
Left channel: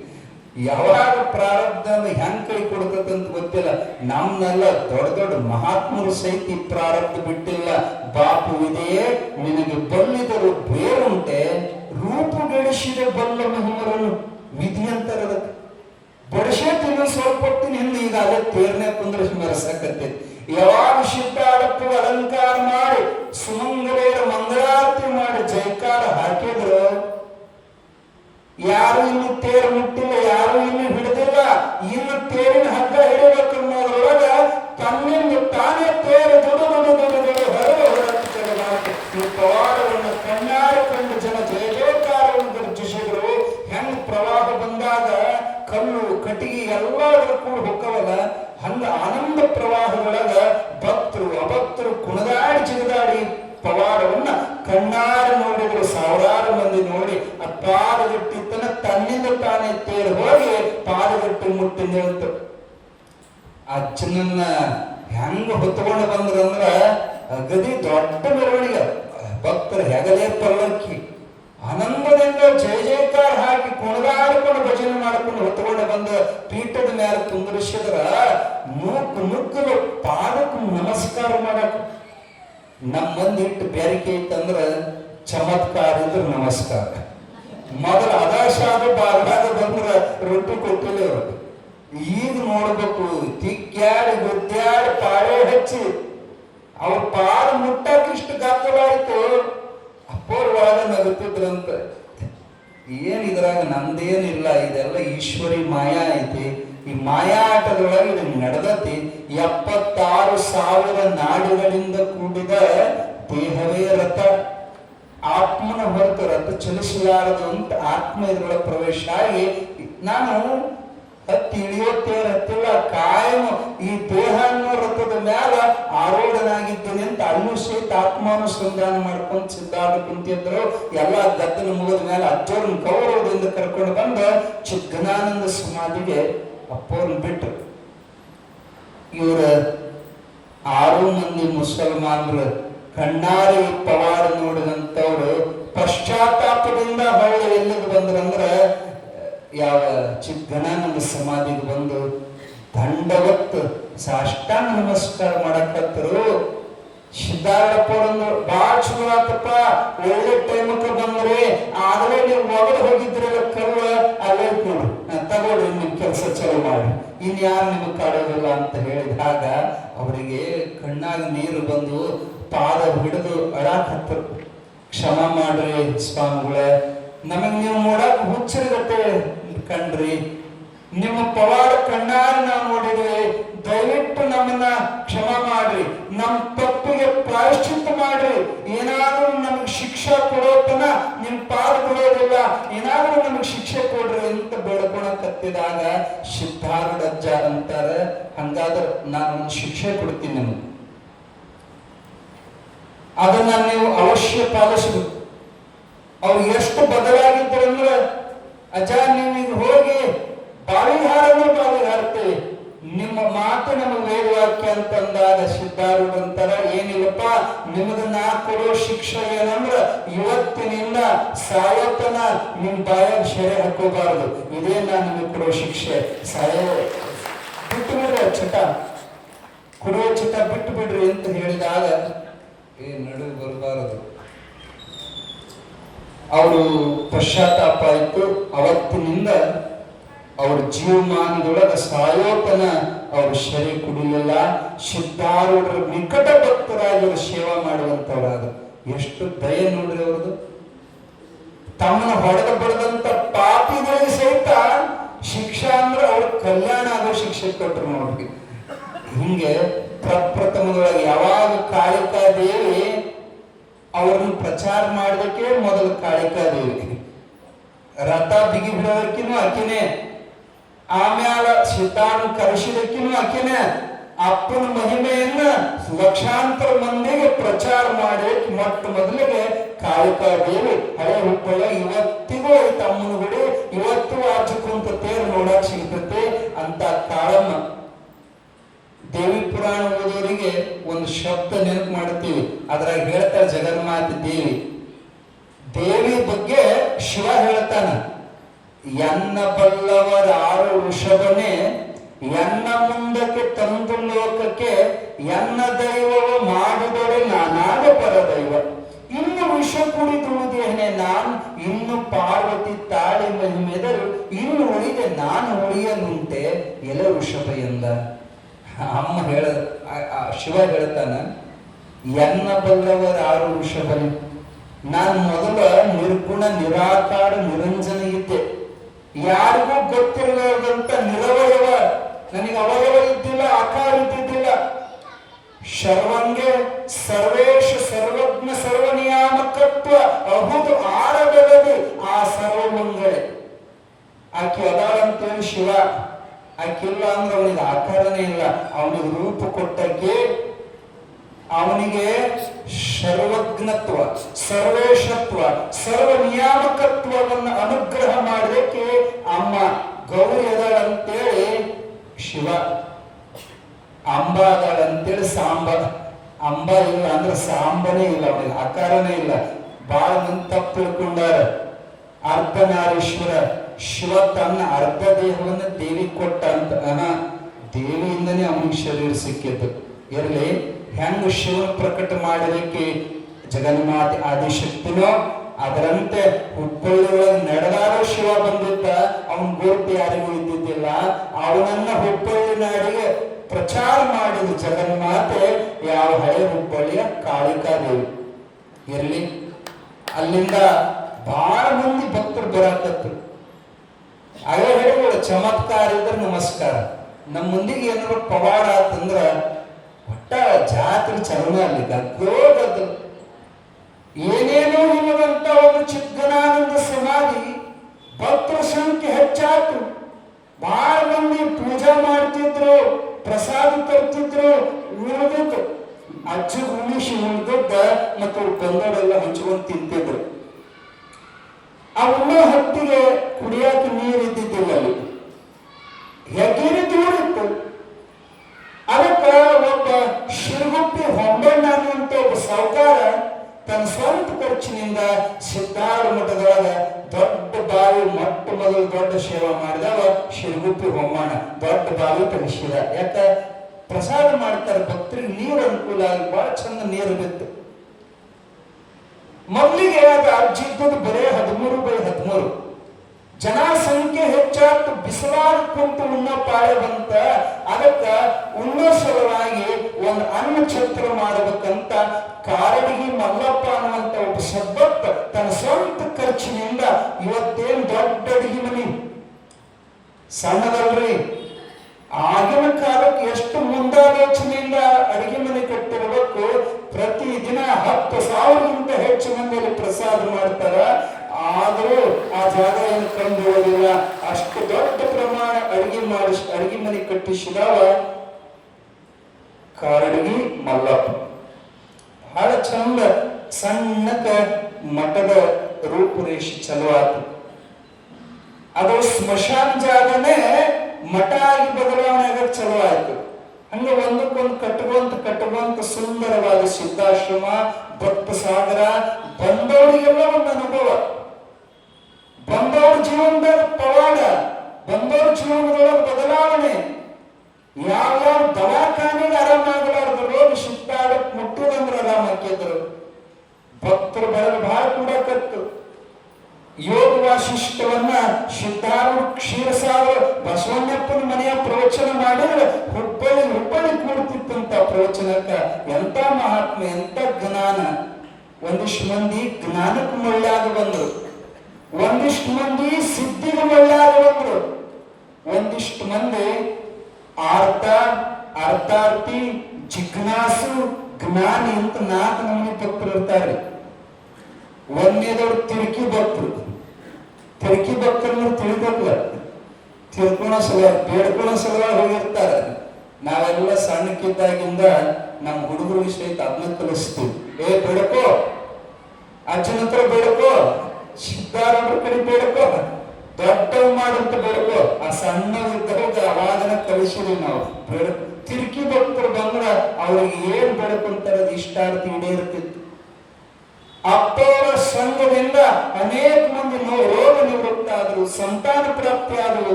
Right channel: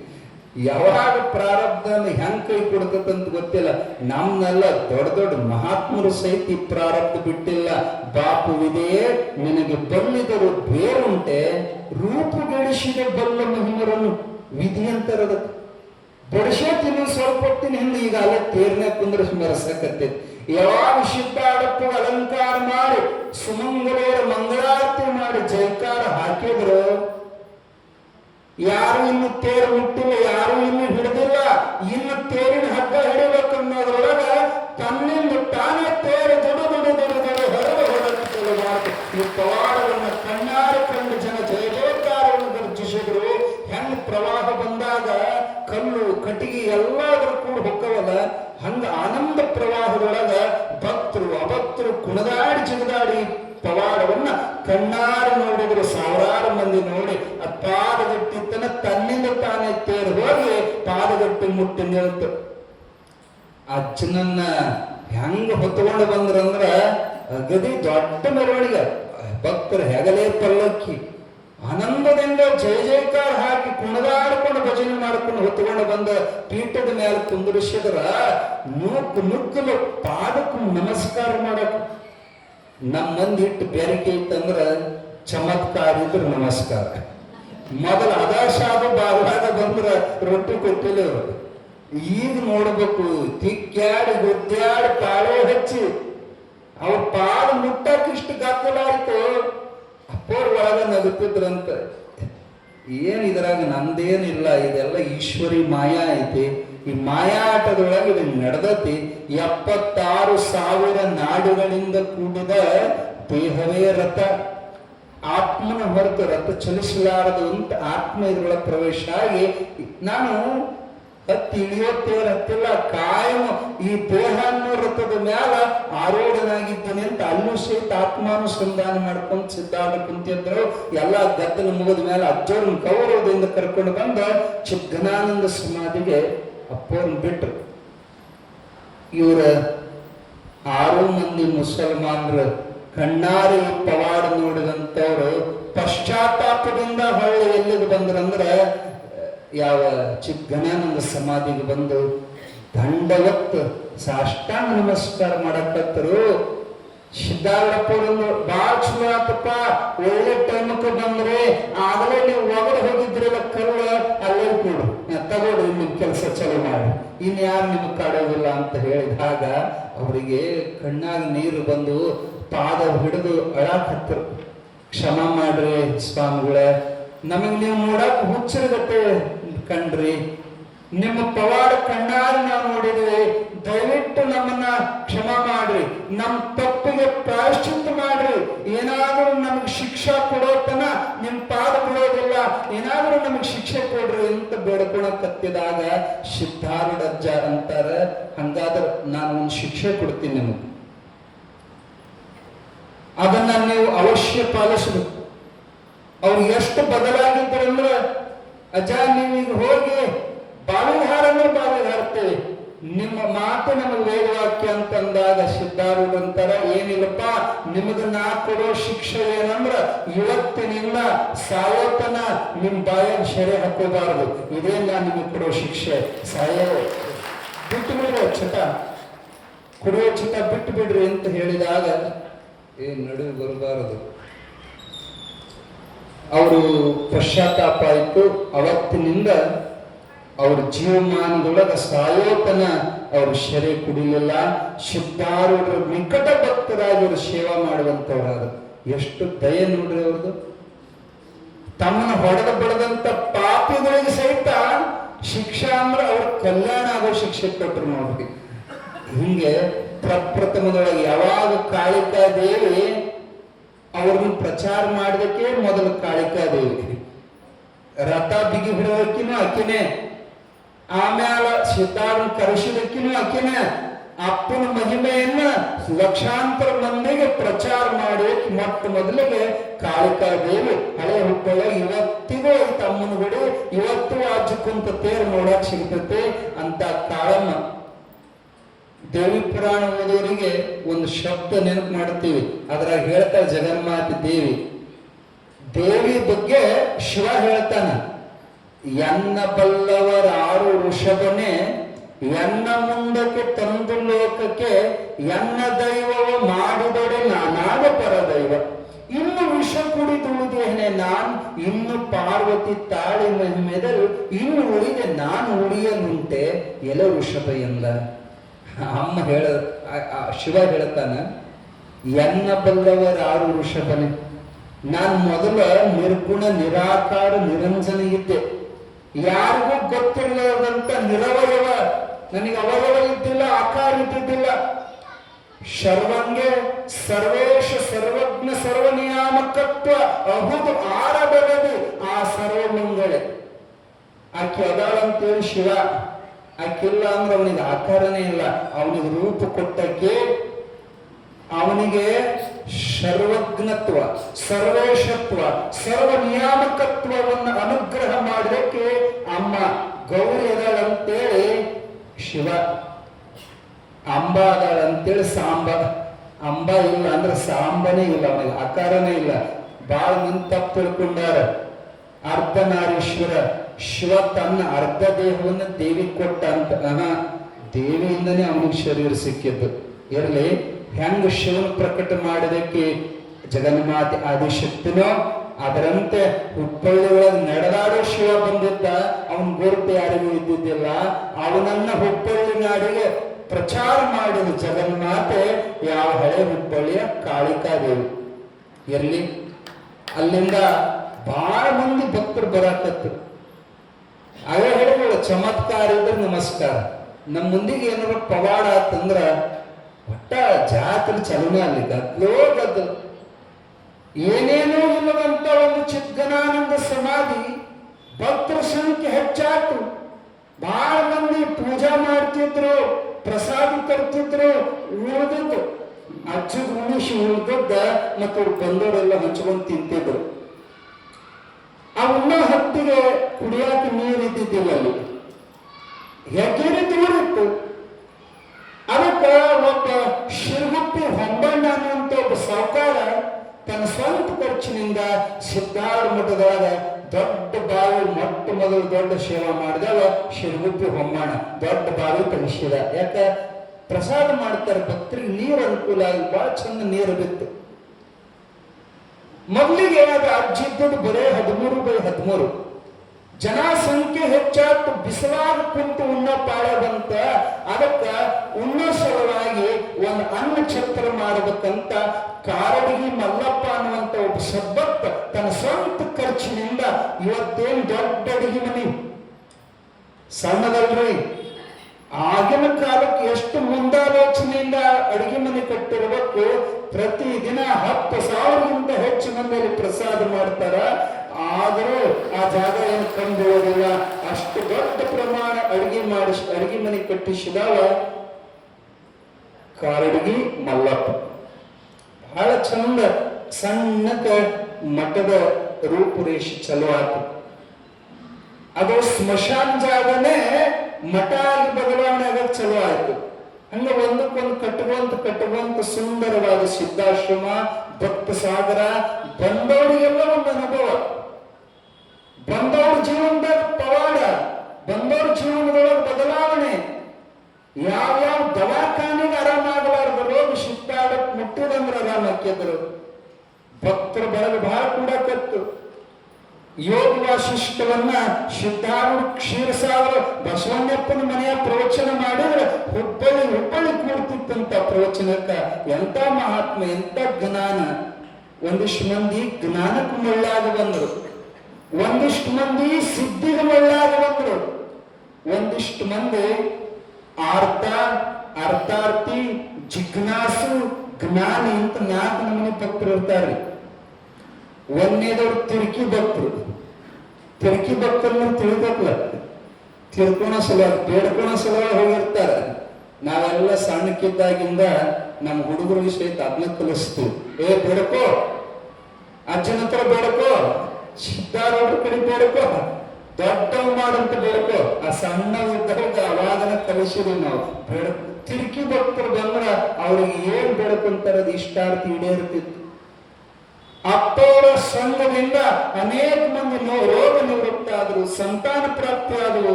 ಯಾವಾಗ ಪ್ರಾರಬ್ಧ ಹೆಂಗ್ ಕೈ ಕೊಡ್ತದಂತ ಗೊತ್ತಿಲ್ಲ. ನಮ್ನೆಲ್ಲ ದೊಡ್ಡ ದೊಡ್ಡ ಮಹಾತ್ಮರು ಸಹಿತ ಈ ಪ್ರಾರಬ್ಧ ಬಿಟ್ಟಿಲ್ಲ. ಬಾಪುವಿದೆಯೇ ನಿನಗೆ ಬಲ್ಲಿದರು ಬೇರುಂಟೆ, ರೂಪುಗೆಡಿಸಿದ ಬಲ್ಲ ಮಹಿಮರನ್ನು ವಿಧಿ ಅಂತಾರದ ಬಡಸೇತೀನಿ ಸ್ವಲ್ಪ ಹೊತ್ತಿನ ಹಿಂದೆ ಈಗಾಗಲೇ ತೇರ್ನೆ ಕುಂದ್ರಿಸಿ ಮೆರೆಸಕತ್ತೈತಿ. ಯಾವಾಗ ಸಿದ್ಧಾರಪ್ಪ ಅಲಂಕಾರ ಮಾಡಿ ಸುಮಂಗಲೆಯರ ಮಂಗಳಾರತಿ ಮಾಡಿ ಜಯಕಾರ ಹಾಕಿದ್ರು, ಯಾರು ಇನ್ನು ತೇರು ಮುಟ್ಟಿಲ್ಲ, ಯಾರು ಇನ್ನು ಹಿಡಿದಿಲ್ಲ. ಇನ್ನು ತೇರಿನ ಹಗ್ಗ ಹಿಡಿಬೇಕನ್ನೋದ್ರೊಳಗ ತನ್ನಿಂದ ತಾನೇ ತೇರು ಈ ಪವಾಡವನ್ನು ಕಣ್ಣಾರೆ ಕಂಡು ಜನ ಜಯ ಜಯಕಾರವನ್ನು ಗರ್ಜಿಸಿದ್ರು. ಹೆಂಗ್ ಪ್ರವಾಹ ಬಂದಾಗ ಕಲ್ಲು ಕಟ್ಟಿಗೆ ಎಲ್ಲಾದ್ರೂ ಕೂಡ ಹೊಕ್ಕವಲ್ಲ, ಹಂಗ ಆನಂದ ಪ್ರವಾಹದೊಳಗ ಭಕ್ತರು ಅಭಕ್ತರು ಕುಣದಾಡಿ ಜಿಗಿದಾಡಿ ಪವಾಡವನ್ನ ಕಣ್ಣಾರೆ ನೋಡಿದ್ರು. ಸಾವಿರಾರು ಮಂದಿ ನೋಡಿ ಆ ಪಾದಗಟ್ಟಿತ್ತನ ತನ್ನಿಂದ ತಾನೇ ತೇರು ಹೋಗಿ ಪಾದಗಟ್ಟಿ ಮುಟ್ಟಿ ನಿಲ್ತು. ಅಜ್ಜನನ್ನ ಹೆಂಗ ಹೊತ್ಕೊಂಡು ಬಂದ್ರಂದ್ರ ಅಗದಿ ದೊಡ್ಡ ಮೆರವಣಿಗೆ. ಭಕ್ತರು ಹೆಗಲೇ ಪಲ್ಲಕ್ಕಿ ಆನಂದದಿಂದ ಜಯ ಜಯಕಾರ ಹಾಕಿ ಕುಣದಾಡಿಕೊಂಡು ಭಜನೆ ಮಾಡ್ಕೊಂಡು ಹೊತ್ಕೊಂಡು ಬಂದ ಪೀಠದ ಮೇಲೆ ಕುಂದ್ರಿಸಿದ್ರ ನುಗ್ಗಲು ಪಾದಕ್ಕೂ ನಮಸ್ಕಾರ ಮಾಡಕ್. ನಮ್ಮ ಮಂದಿ ಇಟ್ಟು ಬೇರಿಕೆ ಇತ್ತಂದ್ರ ಚಮತ್ಕಾರ ಇದ್ರೆ ನಮಸ್ಕಾರ. ಮೊದಲ ಅದಾಶಾದ ಬಾಲ್ದಾಗ ಬಂದ್ರ ರೊಟ್ಟಿ ಕೊಟ್ಟಿಲ್ಲ ಅವರು. ಈಗ ನೋಡ್ಬೇಕು, ತಿಕ್ಕ್ಯಾಡಿ ಗುದ್ದಾಡಿ ಪಾಳೆ ಹಚ್ಚಿ ಅವ್ರ ಪಾದ ಮುಟ್ಟಕ್ಕೆ ಇಷ್ಟು ಗಾತ್ರವಾಯ್ತು. ಅಪ್ಪವ್ರ ಒಳಗ ನಗುತ್ತಿದ್ರಂತ. ಏನ್ ಇದ್ರಾಗ ನಂದೇನಿಲ್ಲ, ಇದೆಲ್ಲ ಈಶ್ವರಿ ಮಾಯಾ ಐತಿ. ಈ ಮಾಯಾ ಆಟದೊಳಗೆ ಇದು ನಡೆದತಿ. 76,000 ನಾಡುಗಳಿಂದ ಕೂಡಿದ ದೇಹವೇ ರಥ. ಆತ್ಮನ ಹೊರತು ರಥ ಚಲಿಸಲಾರದು ಅಂತ ಆತ್ಮ ಇದ್ರೊಳಗೆ ಪ್ರವೇಶ ಆಗಿ ನಾನು ಹತ್ತಿ ಇಳಿಯುತ್ತೇವೆ ಹತ್ತಿಲ್ಲ, ಕಾಯಂ ಈ ದೇಹ ಅನ್ನೋ ರಥದ ಮ್ಯಾಲ ಆರೂಢನಾಗಿದ್ದೇನೆ ಅಂತ ಅಲ್ಲೂ ಸಹಿತ ಆತ್ಮಾನುಸಂಧಾನ ಮಾಡ್ಕೊಂಡು ಸಿದ್ಧಾರ್ಥ ಕುಂತಿದ್ರು. ಎಲ್ಲ ಗದ್ದಲ ಮುಗಿದ ಮೇಲೆ ಅಜ್ಜವ್ರನ್ನ ಗೌರವದಿಂದ ಕರ್ಕೊಂಡು ಬಂದ ಚಿದ್ಗನಾನಂದ ಸಮಾಧಿಗೆ ಅಪ್ಪವ್ರನ್ನ ಬಿಟ್ರು. ಇವರ 6 ಮಂದಿ ಮುಸಲ್ಮಾನರು ಕಣ್ಣಾರಿ ಪವಾಡ ನೋಡಿದಂಥವ್ರು ಪಶ್ಚಾತ್ತಾಪದಿಂದ ಹೊಳೆ ಎಲ್ಲಿಗೆ ಬಂದ್ರಂದ್ರೆ ಯಾವ ಚಿದ್ಗನಾನಂದ ಸಮಾಧಿಗೆ ಬಂದು ದಂಡವತ್ತು ಸಾಷ್ಟಾಂಗ ನಮಸ್ಕಾರ ಮಾಡಕತ್ತರು. ಸಿದ್ಧಾರೂಢಪ್ಪರನ್ನು ಬಾಳ ಚಲೋ ಆತಪ್ಪ, ಒಳ್ಳೆ ಟೈಮಕ್ಕೆ ಬಂದ್ರೆ ಆಗಲೇ ನೀವು ಒಗದು ಹೋಗಿದ್ರಲ್ಲ ಕಲ್ಲು ಅಲ್ಲೇ ನೋಡು, ತಗೋಡು ನಿಮ್ ಕೆಲಸ ಚಲೋ ಮಾಡಿ, ಇನ್ಯಾರು ನಿಮ್ಗೆ ಕಾಡೋದಿಲ್ಲ ಅಂತ ಹೇಳಿದಾಗ ಅವರಿಗೆ ಕಣ್ಣಾಗ ನೀರು ಬಂದು ಪಾದ ಹಿಡಿದು ಅಳಾಕತ್ತರು. ಕ್ಷಮ ಮಾಡ್ರಿ ಸ್ವಾಮಿಗಳೇ, ನಮಗ್ ನೀವು ನೋಡಕ್ ಹುಚ್ಚರಿಗತ್ತೆ ಕಂಡ್ರಿ, ನಿಮ್ಮ ಪವಾಡ ಕಣ್ಣಾರೆ ನಾವು ನೋಡಿದ್ವಿ, ದಯವಿಟ್ಟು ನಮ್ಮನ್ನ ಕ್ಷಮ ಮಾಡ್ರಿ, ನಮ್ಮ ತಪ್ಪಿಗೆ ಪ್ರಾಯಶ್ಚಿತ್ತ ಮಾಡ್ರಿ, ಏನಾದ್ರೂ ನಮಗ್ ಶಿಕ್ಷೆ ಕೊಡೋತನ ನಿಮ್ ಪಾದ ಬಿಡೋದಿಲ್ಲ, ಏನಾದ್ರೂ ನಮಗ್ ಶಿಕ್ಷೆ ಕೊಡ್ರಿ ಅಂತ ಬೇಡ್ಕೊಳಕತ್ತಿದಾಗ ಸಿದ್ಧಾರೂಢ ಅಜ್ಜ ಅಂತಾರೆ, ಹಂಗಾದ್ರೆ ನಾನು ಒಂದು ಶಿಕ್ಷೆ ಕೊಡ್ತೀನಿ ನಿಮಗೆ, ಅದನ್ನ ನೀವು ಅವಶ್ಯ ಪಾಲಿಸಬೇಕು. ಅವ್ರು ಎಷ್ಟು ಬದಲಾಗಿದ್ರು ಅಂದ್ರೆ, ಅಜ್ಜ ನೀವೀಗ ಹೋಗಿ ಬಾವಿ ಹಾಡನ್ನು ಬಾವಿ ಹಾಡ್ತೇವೆ, ನಿಮ್ಮ ಮಾತು ನಮಗೆ ವೇದವಾಕ್ಯ ಅಂತಂದಾಗ ಸಿದ್ಧಾರೂಢಂತಾರ ಏನಿಲ್ಲಪ್ಪ, ನಿಮಗೆ ನಾ ಕೊಡೋ ಶಿಕ್ಷೆ ಏನಂದ್ರ ಇವತ್ತಿನಿಂದ ಸಾವತನ ನಿಮ್ ಬಾಯಾಗ ಶೆರೆ ಹಾಕೋಬಾರದು, ಇದೇ ನಾ ನಿಮಗೆ ಕೊಡೋ ಶಿಕ್ಷೆ. ಬಿಟ್ಟು ಬಿಡ್ರಿ ಚಟ, ಕುಡಿಯೋ ಚಟ ಬಿಟ್ಟು ಬಿಡ್ರಿ ಅಂತ ಹೇಳಿದಾಗ ನಡುವೆ ಬರಬಾರದು. ಅವರು ಪಶ್ಚಾತ್ತಾಪ ಆಯಿತು. ಅವತ್ತಿನಿಂದ ಅವ್ರ ಜೀವಮಾನದೊಳಗೆ ಸಾಯೋತನ ಅವ್ರ ಶರೀರ ಕುಡಿಯಲ್ಲ. ಸಿದ್ಧಾರೂಢರ ನಿಕಟ ಭಕ್ತರಾಗಿ ಅವರು ಸೇವಾ ಮಾಡುವಂತವ್ರಾದ್ರು. ಎಷ್ಟು ದಯ ನೋಡ್ರಿ ಅವ್ರದ್ದು. ತಮ್ಮನ್ನ ಹೊಡೆದ ಬಡದಂತ ಪಾಪಿಗಳಿಗೆ ಸಹಿತ ಶಿಕ್ಷೆ ಅಂದ್ರೆ ಅವ್ರ ಕಲ್ಯಾಣ ಆಗೋ ಶಿಕ್ಷೆ ಕೊಟ್ಟರು ನೋಡ್ರಿ. ಹಿಂಗೆ ಪ್ರಪ್ರಥಮದೊಳಗೆ ಯಾವಾಗ ಕಾಳಿಕಾ ದೇವಿ ಅವ್ರನ್ನ ಪ್ರಚಾರ ಮಾಡೋದಕ್ಕೆ ಮೊದಲು ಕಾಳಿಕಾ ದೇವಿ, ರಥ ಬಿಗಿ ಬಿಡೋದಕ್ಕಿನೂ ಆಕಿನೇ, ಆಮ್ಯಾಲ ಸಿದ್ಧಾರೂಢ ಕರೆಸಿದಕ್ಕಿನೂ ಆಕಿನೇ, ಅಪ್ಪನ ಮಹಿಮೆಯನ್ನ ಲಕ್ಷಾಂತರ ಮಂದಿಗೆ ಪ್ರಚಾರ ಮಾಡಿ ಮೊಟ್ಟ ಮೊದಲಿಗೆ ಕಾಳಿಕಾ ದೇವಿ ಹಳೆ ಹುಬ್ಬಳ್ಳ ಇವತ್ತಿಗೂ ತಮ್ಮನ ಗುಡಿ, ಇವತ್ತಿಗೂ ಆಚೆ ಕುಂತ ತೇರು ನೋಡಕ್ ಸಿಗ್ತತೆ ಅಂತ ಕಾಳಮ್ಮ. ದೇವಿ ಪುರಾಣ ಓದೋರಿಗೆ ಒಂದು ಶಬ್ದ ನೆನಪು ಮಾಡ್ತೀವಿ, ಅದ್ರಾಗ ಹೇಳ್ತಾರೆ ಜಗನ್ಮಾತೆ ದೇವಿ. ದೇವಿ ಬಗ್ಗೆ ಶಿವ ಹೇಳ್ತಾನ, ಎನ್ನ ಬಲ್ಲವರಾರು ಋಷಭನೇ ಎನ್ನ ಮುಂದಕ್ಕೆ ತಂದು ಲೋಕಕ್ಕೆ ಎನ್ನ ದೈವವ ಮಾಡಿದರೆ ನಾನಾಗ ಪರದೈವ. ಇನ್ನು ವಿಷ ಕುಡಿದುಳಿದೇನೆ ನಾನು, ಇನ್ನು ಪಾರ್ವತಿ ತಾಳಿ ಮೆದರು, ಇನ್ನು ಉಳಿದೆ ನಾನು ಉಳಿಯಲುಂಟೆ ಎಲ ಋಷಭ ಎಂದ. ಅಮ್ಮ ಹೇಳ, ಶಿವ ಹೇಳ್ತಾನ, ಎನ್ನ ಬಲ್ಲವರಾರು ಋಷಭನೇ, ನಾನು ಮೊದಲ ನಿರ್ಗುಣ ನಿರಾಕಾರ ನಿರಂಜನ ಇದ್ದೆ, ಯಾರಿಗೂ ಗೊತ್ತಿಲ್ಲದಂತ ನಿರವಯವ, ನನಗೆ ಅವಯವ ಇದ್ದಿಲ್ಲ, ಆಕಾರ ಇದ್ದಿದ್ದಿಲ್ಲ. ಸರ್ವಂಗೆ ಸರ್ವೇಶ ಸರ್ವಜ್ಞ ಸರ್ವನಿಯಾಮಕತ್ವ ಅಹುದು ಆರಬಲ್ಲದು ಆ ಸರ್ವಮಂಗಳೆ. ಆಕೆ ಅದಾಳಂತೇಳಿ ಶಿವ, ಆಕಿಲ್ಲ ಅಂದ್ರೆ ಅವನಿಗೆ ಆಕಾರನೇ ಇಲ್ಲ. ಅವನಿಗೆ ರೂಪ ಕೊಟ್ಟಕ್ಕೆ ಅವನಿಗೆ ಸರ್ವಜ್ಞತ್ವ, ಸರ್ವೇಶತ್ವ, ಸರ್ವ ನಿಯಾಮಕತ್ವವನ್ನು ಅನುಗ್ರಹ ಮಾಡಲಿಕ್ಕೆ ಅಮ್ಮ ಗೌರಿ ಅದಾಳಂತೇಳಿ ಶಿವ, ಅಂಬ ಅದಾಳಂತೇಳಿ ಸಾಂಬ. ಅಂಬ ಇಲ್ಲ ಅಂದ್ರೆ ಸಾಂಬನೇ ಇಲ್ಲ, ಅವನಿಗೆ ಆಕಾರನೇ ಇಲ್ಲ. ಬಾಳ ಮಂದಿ ತಪ್ಪು ತಿಳ್ಕೊಂಡಾರ. ಅರ್ಧನಾರೀಶ್ವರ ಶಿವ ತನ್ನ ಅರ್ಧ ದೇಹವನ್ನು ದೇವಿ ಕೊಟ್ಟ ಅಂತ. ದೇವಿಯಿಂದನೇ ಅವನಿಗೆ ಶರೀರ ಸಿಕ್ಕಿತ್ತು. ಇರಲಿ, ಹೆಂಗ ಶಿವನ ಪ್ರಕಟ ಮಾಡೋದಕ್ಕೆ ಜಗನ್ಮಾತೆ ಆದಿಶಕ್ತಿನೋ ಅದರಂತೆ ಹುಬ್ಬಳ್ಳಿ ನಡೆದಾರೋ ಶಿವ ಬಂದಿದ್ದ. ಅವನ ಗುರುತು ಯಾರಿಗೂ ಇದ್ದಿದ್ದಿಲ್ಲ. ಅವನನ್ನ ಹುಬ್ಬಳ್ಳಿ ನಾಡಿಗೆ ಪ್ರಚಾರ ಮಾಡಿದ ಜಗನ್ಮಾತೆ ಯಾವ ಹಳೆ ಹುಬ್ಬಳ್ಳಿಯ ಕಾಳಿಕಾ ದೇವಿ. ಇರಲಿ, ಅಲ್ಲಿಂದ ಬಹಳ ಮಂದಿ ಭಕ್ತರು ಬರಕತ್ತು. ಅವೇ ಹೇಳಿಗಳು ಚಮತ್ಕಾರ ಇದ್ರೆ ನಮಸ್ಕಾರ. ನಮ್ಮ ಮುಂದಿಗೆ ಏನಾದ್ರು ಪವಾಡ ಆತಂದ್ರ ಒಟ್ಟ ಜಾತ್ರೆ ಚಲನ ಅಲ್ಲಿ ಗದ್ದು ಏನೇನೋ ನಿಮಗಂತ ಒಂದು ಚಿದ್ಗನಾನಂದ ಸಮಾಧಿ ಭಕ್ತರ ಸಂಖ್ಯೆ ಹೆಚ್ಚಾಯ್ತು. ಬಹಳ ಮಂದಿ ಪೂಜಾ ಮಾಡ್ತಿದ್ರು, ಪ್ರಸಾದ ತರ್ತಿದ್ರು, ಉಳಿದಿದ್ದು ಅಜ್ಜು ಉಳಿಸಿ ಉಳಿದದ್ದ ಮತ್ತು ಬಂದವರೆಲ್ಲ ಹಂಚ್ಕೊಂಡು ತಿಂತಿದ್ರು. ಆ ಉಣ್ಣೋ ಹತ್ತಿಗೆ ಕುಡಿಯಾಕ ನೀರು ಇದ್ದಿದ್ದಿಲ್ಲ, ಅಲ್ಲಿ ಹೆಗ್ಗಿನ ದೂರಿತ್ತು. ಅದಕ್ಕೆ ಒಬ್ಬ ಶಿರಗುಪ್ಪಿ ಹೊಂಬಣ್ಣ ಅನ್ನುವಂತ ಒಬ್ಬ ಸಾಹುಕಾರ ತನ್ನ ಸ್ವಂತ ಖರ್ಚಿನಿಂದ ಸಿದ್ಧಾರೂಢ ಮಠದೊಳಗ ದೊಡ್ಡ ಬಾವಿ ಮೊಟ್ಟ ಮೊದಲು ದೊಡ್ಡ ಸೇವಾ ಮಾಡಿದಾಗ ಶಿರಗುಪ್ಪಿ ಹೊಮ್ಮಣ್ಣ ದೊಡ್ಡ ಬಾವಿ ತೆಗೆಸಿದ. ಯಾಕ ಪ್ರಸಾದ ಮಾಡ್ತಾರೆ ಭಕ್ತರಿಗೆ, ನೀರು ಅನುಕೂಲ ಆಗಿ ಬಹಳ ಚಂದ ನೀರು ಬಿತ್ತು. ಮೊದಲಿಗೆ ಅದು ಅಜ್ಜಿದ್ದದ್ದು ಬರೇ 13/13. ಜನಸಂಖ್ಯೆ ಹೆಚ್ಚಾಯ್ತು, ಬಿಸಿಲಾದ ಕುಂತು ಉಣ್ಣ ಪಾಯ ಬಂತ. ಅದಕ್ಕ ಉಣ್ಣೋ ಸಲುವಾಗಿ ಒಂದು ಅನ್ನ ಛತ್ರ ಮಾಡಬೇಕಂತ ಕಾರಡಿಗೆ ಮಲ್ಲಪ್ಪ ಅನ್ನುವಂತ ಒಬ್ಬ ಸಬ್ಬತ್ತ ತನ್ನ ಸ್ವಂತ ಖರ್ಚಿನಿಂದ, ಇವತ್ತೇನು ದೊಡ್ಡ ಅಡಿಗೆ ಮನೆ ಸಣ್ಣದಲ್ರಿ, ಆಗಿನ ಕಾಲಕ್ಕೆ ಎಷ್ಟು ಮುಂದಾಲೋಚನೆಯಿಂದ ಅಡಿಗೆ ಮನೆ ಕಟ್ಟಿರಬೇಕು. ಪ್ರತಿದಿನ 10,000ಗಿಂತ ಹೆಚ್ಚು ಮಂದಿಯಲ್ಲಿ ಪ್ರಸಾದ ಮಾಡ್ತಾರ. ಆದರೂ ಆ ಜಾಗ ಏನು ಕಂಡುಕೊಳ್ಳೋದಿಲ್ಲ. ಅಷ್ಟು ದೊಡ್ಡ ಪ್ರಮಾಣ ಅಡಿಗೆ ಮನೆ ಕಟ್ಟಿಸಿದವ ಕಾರಡಿಗೆ ಮಲ್ಲಪ್ಪ. ಬಹಳ ಚಂದ ಸಣ್ಣಕ ಮಠದ ರೂಪುರೇಷೆ ಚಲೋ ಆಯ್ತು. ಅದು ಸ್ಮಶಾನ ಜಾಗನೇ ಮಠ ಆಗಿ ಬದಲಾವಣೆ ಆಗ ಚಲೋ ಆಯ್ತು. ಹಂಗ ಒಂದಕ್ಕೊಂದು ಕಟ್ಟುವಂತ ಸುಂದರವಾದ ಸಿದ್ಧಾಶ್ರಮ, ಭಕ್ತ ಸಾಗರ ಬಂದವರಿಗೆಲ್ಲ ಒಂದು ಅನುಭವ, ಬಂದವ್ರ ಜೀವನದ ಪವಾಡ, ಬಂದವ್ರ ಜೀವನದೊಳಗೆ ಬದಲಾವಣೆ. ಯಾವ್ಯಾವ ದವಾಖಾನೆಗೆ ಆರಾಮಾಗಲಾರ್ದು ರೋಗ ಶಿಟ್ಟಾಡಕ್ ಮುಟ್ಟುದಂದ್ರೆ ಆರಾಮ ಹಾಕಿದ್ರು. ಭಕ್ತರ ಬಳಗ ಬಹಳ ಕೂಡಕತ್ತು. ಯೋಗ ವಾಸಿಷ್ಠವನ್ನ ಸಿದ್ಧಾರು ಕ್ಷೀರಸಾಗರ ಬಸವಣ್ಣಪ್ಪನ ಮನೆಯ ಪ್ರವಚನ ಮಾಡಿದ್ರೆ ಹುಬ್ಬಳ್ಳಿ ಕೂಡ್ತಿತ್ತಂತ ಪ್ರವಚನಕ್ಕ. ಎಂತ ಮಹಾತ್ಮ, ಎಂತ ಜ್ಞಾನ. ಒಂದಿಷ್ಟು ಮಂದಿ ಜ್ಞಾನಕ್ಕೆ ಮಳ್ಳಾಗ ಬಂದ್ರು, ಒಂದಿಷ್ಟು ಮಂದಿ ಸಿದ್ಧಿಗೆ ಮಳ್ಳಾಗ ಬಂದ್ರು, ಒಂದಿಷ್ಟು ಮಂದಿ ಅರ್ಥಾರ್ಥಿ, ಜಿಜ್ಞಾಸು, ಜ್ಞಾನಿ ಅಂತ 4 ನಮೂನಿ ಭಕ್ತರು ಇರ್ತಾರೆ. ಒಂದನೇದವ್ರು ತಿರುಕಿ ಭಕ್ತರು. ತಿರುಕಿ ಭಕ್ತರನ್ನು ತಿಳ್ಕೊಲ್ಲ, ತಿಳ್ಕೊಳೋ ಸಲ ಬೇಡ್ಕೊಳೋ ಸಲ ಹೋಗಿರ್ತಾರೆ. ನಾವೆಲ್ಲ ಸಣ್ಣಕ್ಕಿದ್ದಾಗಿಂದ ನಮ್ಮ ಹುಡುಗರಿಗೆ ಸಹಿತ ಅದನ್ನ ಕಲಿಸ್ತೀವಿ. ಬೇಡ್ಕೋ, ಅಜ್ಜನ ಹತ್ರ ಬೇಡ್ಕೋ, ಸಿದ್ಧಾರವ್ರ ಕಡೆ ಬೇಡ್ಕೋ, ದೊಡ್ಡವ್ ಮಾಡಂತ ಬೇಡ್ಕೋ. ಆ ಸಣ್ಣವಿದ್ದಾಗ ಅವಾಗನ ಕಲಿಸಿದ್ವಿ ನಾವು. ತಿರುಕಿ ಭಕ್ತರು ಬಂದ್ರ ಅವ್ರಿಗೆ ಏನ್ ಬೇಡ್ಕೊಂತಾರೆ ಅದು ಇಷ್ಟಾರ್ಥ ಈಡೇರ್ತಿತ್ತು. ಅಪ್ಪವರ ಸಂಘದಿಂದ ಅನೇಕ ಮಂದಿ ರೋಗ ನಿವೃತ್ತ ಆದರು, ಸಂತಾನ ಪ್ರಾಪ್ತಿ ಆದರು,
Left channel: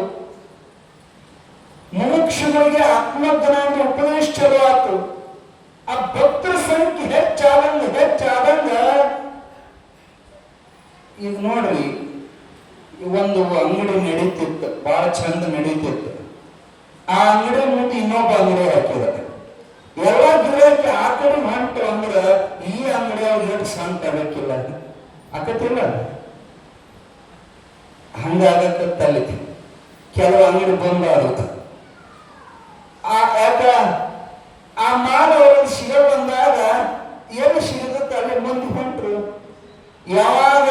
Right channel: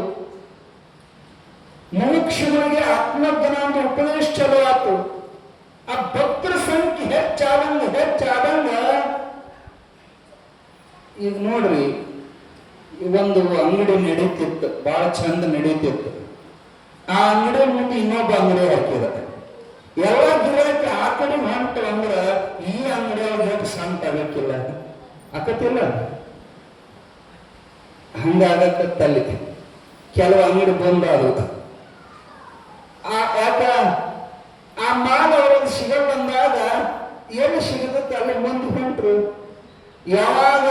ಮೋಕ್ಷಗಳಿಗೆ ಆತ್ಮಜ್ಞಾನ ಉಪದೇಶ ಚಲೋ ಆತು. ಆ ಭಕ್ತರ ಸಂಖ್ಯೆ ಹೆಚ್ಚಾದಂಗ ಈಗ ನೋಡ್ರಿ, ಒಂದು ಅಂಗಡಿ ನಡೀತಿತ್ತು, ಬಹಳ ಚಂದ ನಡೀತಿತ್ತು. ಆ ಅಂಗಡಿ ಮುಂದೆ ಇನ್ನೊಬ್ಬ ಅಂಗಡಿ ಹಾಕಿರುತ್ತೆ. ಎಲ್ಲ ಗಿರಾಕಿ ಆ ಕಡೆ ಹೊಂಟು ಅಂದ್ರ ಈ ಅಂಗಡಿ ಅವ್ರಿಗೆ ಸಂತ ಆಗಕ್ಕಿಲ್ಲ, ಆಕತಿಲ್ಲ. ಹಂಗಾಗತ್ತಲ್ಲಿ ಕೆಲವು ಅಂಗಡಿ ಬಂದಾಡುತ್ತ ಯಾಕ ಆ ಮಾಲ ಅವ್ರಿಗೆ ಸಿಗ ಬಂದಾಗ ಎಲ್ಲಿ ಸಿಗತ್ತ ಅಲ್ಲಿ ಮುಂದೆ ಹೊಂಟ್ರು. ಯಾವಾಗ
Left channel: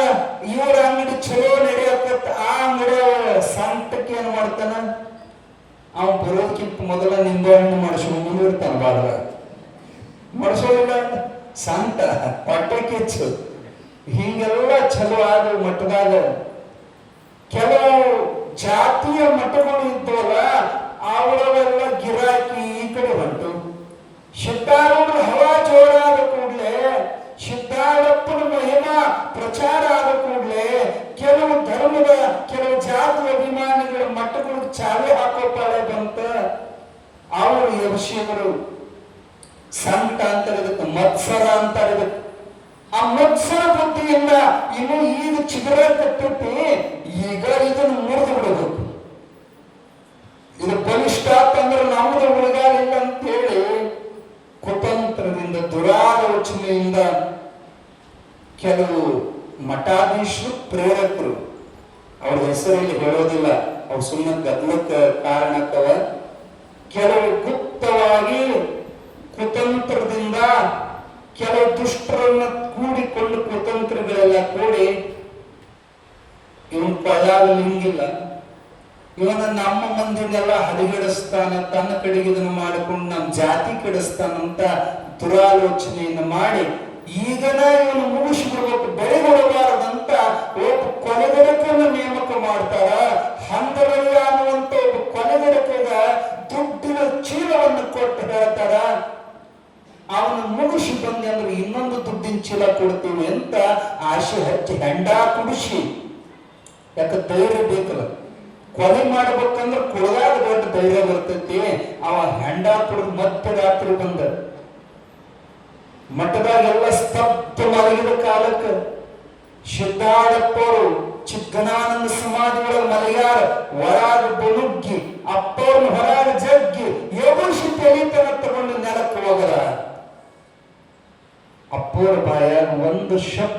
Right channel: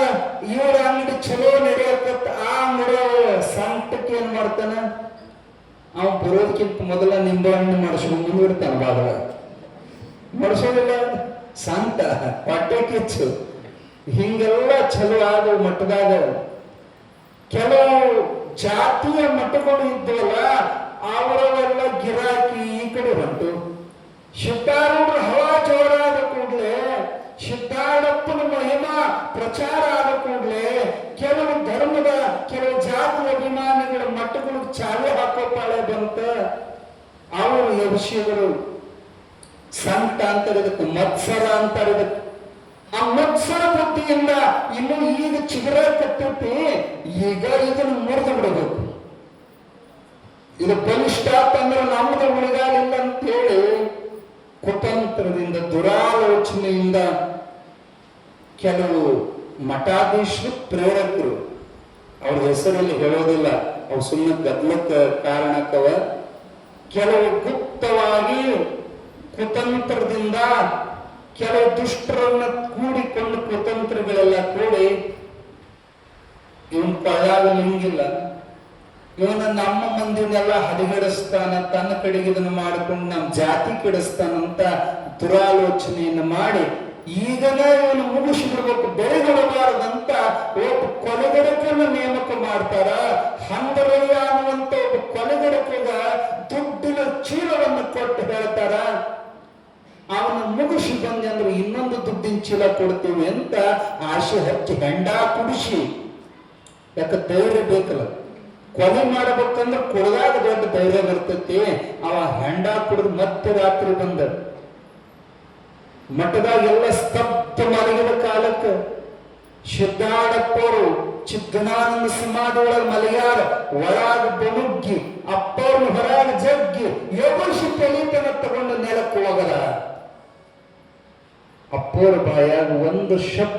ಇವ್ರ ಅಂಗಡಿ ಚಲೋ ನಡೆಯತ್ತ ಆ ಅಂಗಡಿ ಸಂತಕ್ಕೆ ಏನ್ ಮಾಡ್ತಾನ, ಅವ್ ಬರೋದಕ್ಕಿಂತ ಮೊದಲ ನಿಂಬೆಹಣ್ಣು ಮಾಡಿಸ್ಕೊಂಡು ಇರ್ತಾನ. ಬಾಗ ಮಾಡಿಸೋದಿಲ್ಲ ಸಂತ ಹೊಟ್ಟೆ ಕಿಚ್ಚು. ಹಿಂಗೆಲ್ಲ ಚಲೋ ಆದ ಮಠದಾಗ ಕೆಲವು ಜಾತಿಯ ಮಠಗಳು ಇದ್ದವಲ್ಲ, ಅವರವೆಲ್ಲ ಗಿರಾಕಿ ಈ ಕಡೆ ಬಂತು. ಸಿದ್ಧಾರೂಢ ಹವಾ ಜೋರಾದ ಕೂಡಲೇ, ಸಿದ್ಧಾರಪ್ಪನ ಮಹಿಮಾ ಪ್ರಚಾರ ಆದ ಕೂಡಲೇ ಕೆಲವು ಧರ್ಮದ, ಕೆಲವು ಜಾತಿ ಅಭಿಮಾನಿಗಳ ಮಠಗಳು ಚಾಲೆ ಹಾಕೋ ಪಾಳೆ ಬಂತ. ಅವರು ಯಕ್ಷಿಗಳು ಸಂತ ಅಂತಾರೆ, ಇದಕ್ಕೆ ಮತ್ಸರ ಅಂತಾರೆ. ಇದಕ್ಕೆ ಆ ಮತ್ಸರ ಬುದ್ಧಿಯಿಂದ ಇನ್ನು ಈಗ ಚಿಗುರ ಕಟ್ಟುತ್ತಿ, ಈಗ ಇದನ್ನು ಮುರಿದು ಬಿಡಬೇಕು. ಇದು ಬಲಿಷ್ಠ ಅಂತಂದ್ರೆ ನಮ್ಮದು ಮುಳುಗಾಲಿಲ್ಲ ಅಂತೇಳಿ ಕುತಂತ್ರದಿಂದ, ದುರಾಲೋಚನೆಯಿಂದ ಕೆಲವು ಮಠಾಧೀಶರು, ಪ್ರೇರಕರು, ಅವ್ರ ಹೆಸರಲ್ಲಿ ಹೇಳೋದಿಲ್ಲ, ಅವು ಸುಮ್ಮನೆ ಗದ್ಲಕ್ಕ ಕಾರಣಕ್ಕವ. ಕೆಲವು ಗುಪ್ತವಾಗಿ ಕುತಂತ್ರದಿಂದ ಕೆಲವು ದುಷ್ಟರನ್ನ ಕೂಡಿಕೊಂಡು, ಕುತಂತ್ರಗಳೆಲ್ಲ ಕೂಡಿ ಇವನ್ ಕಳ್ಳಾಗಲಿಂಗಿಲ್ಲ, ಇವನ ನಮ್ಮ ಮಂದಿನೆಲ್ಲ ಹರಿಗಡಿಸ್ತಾನ, ತನ್ನ ಕಡೆಗೆ ಇದನ್ನು ಮಾಡಿಕೊಂಡು ನಮ್ಮ ಜಾತಿ ಕೆಡಿಸ್ತಾನಂತ ದುರಾಲೋಚನೆಯನ್ನು ಮಾಡಿ ಈಗನೇ ಇವನು ಮುಗಿಸಿಬಿಡ್ಬೇಕು, ಬೆಳೆಗೊಳ್ಳಬಾರದಂತ ಒಬ್ಬ ಕೊಲೆಗಡಕನ್ನು ನೇಮಕ ಮಾಡ್ತಾರ. ಹಂದರಯ್ಯ ಅನ್ನುವಂತ ಒಬ್ಬ ಕೊಲೆಗಡಕಗ ದುಡ್ಡಿನ ಚೀಲವನ್ನು ಕೊಟ್ಟು ಹೇಳ್ತಾರ, ಅವನು ಮುಗಿಸಿ ಬಂದೆ ಅಂದ್ರೆ ಇನ್ನೊಂದು ದುಡ್ಡಿನ ಚೀಲ ಕೊಡ್ತೀವಿ ಅಂತ ಆಸೆ ಹಚ್ಚಿ ಹೆಂಡ ಕುಡಿಸಿ. ಯಾಕ ಧೈರ್ಯ ಬೇಕಲ್ಲ, ಕೊಲೆ ಮಾಡಬೇಕಂದ್ರೆ ಕೊಡದಾಗ ದೊಡ್ಡ ಧೈರ್ಯ ಬರ್ತೈತಿ. ಅವ ಹೆಂಡ ಕುಡಿದು ಮತ್ತೆ ರಾತ್ರಿ ಬಂದ ಮಠದಾಗೆಲ್ಲ ಸ್ತಬ್ಧ ಮಲಗಿದ ಕಾಲಕ್ಕೆ ಸಿದ್ಧಾರಪ್ಪವರು ಚಿಕ್ಕನಾನಂದ ಸಮಾಧಿ ಒಳಗೆ ಮಲಗ್ಯಾರ. ಹೊರಾಗ ಬನುಗ್ಗಿ ಅಪ್ಪವ್ರನ್ನ ಹೊರಾಗ ಜಗ್ಗಿ ಯೋಗಿಸಿ ತೆಲಿತನ ತಗೊಂಡು ನೆಲಕ್ಕೆ ಹೋಗರ. ಅಪ್ಪವ್ರ ಬಾಯಾಗ ಒಂದು ಶಬ್ದ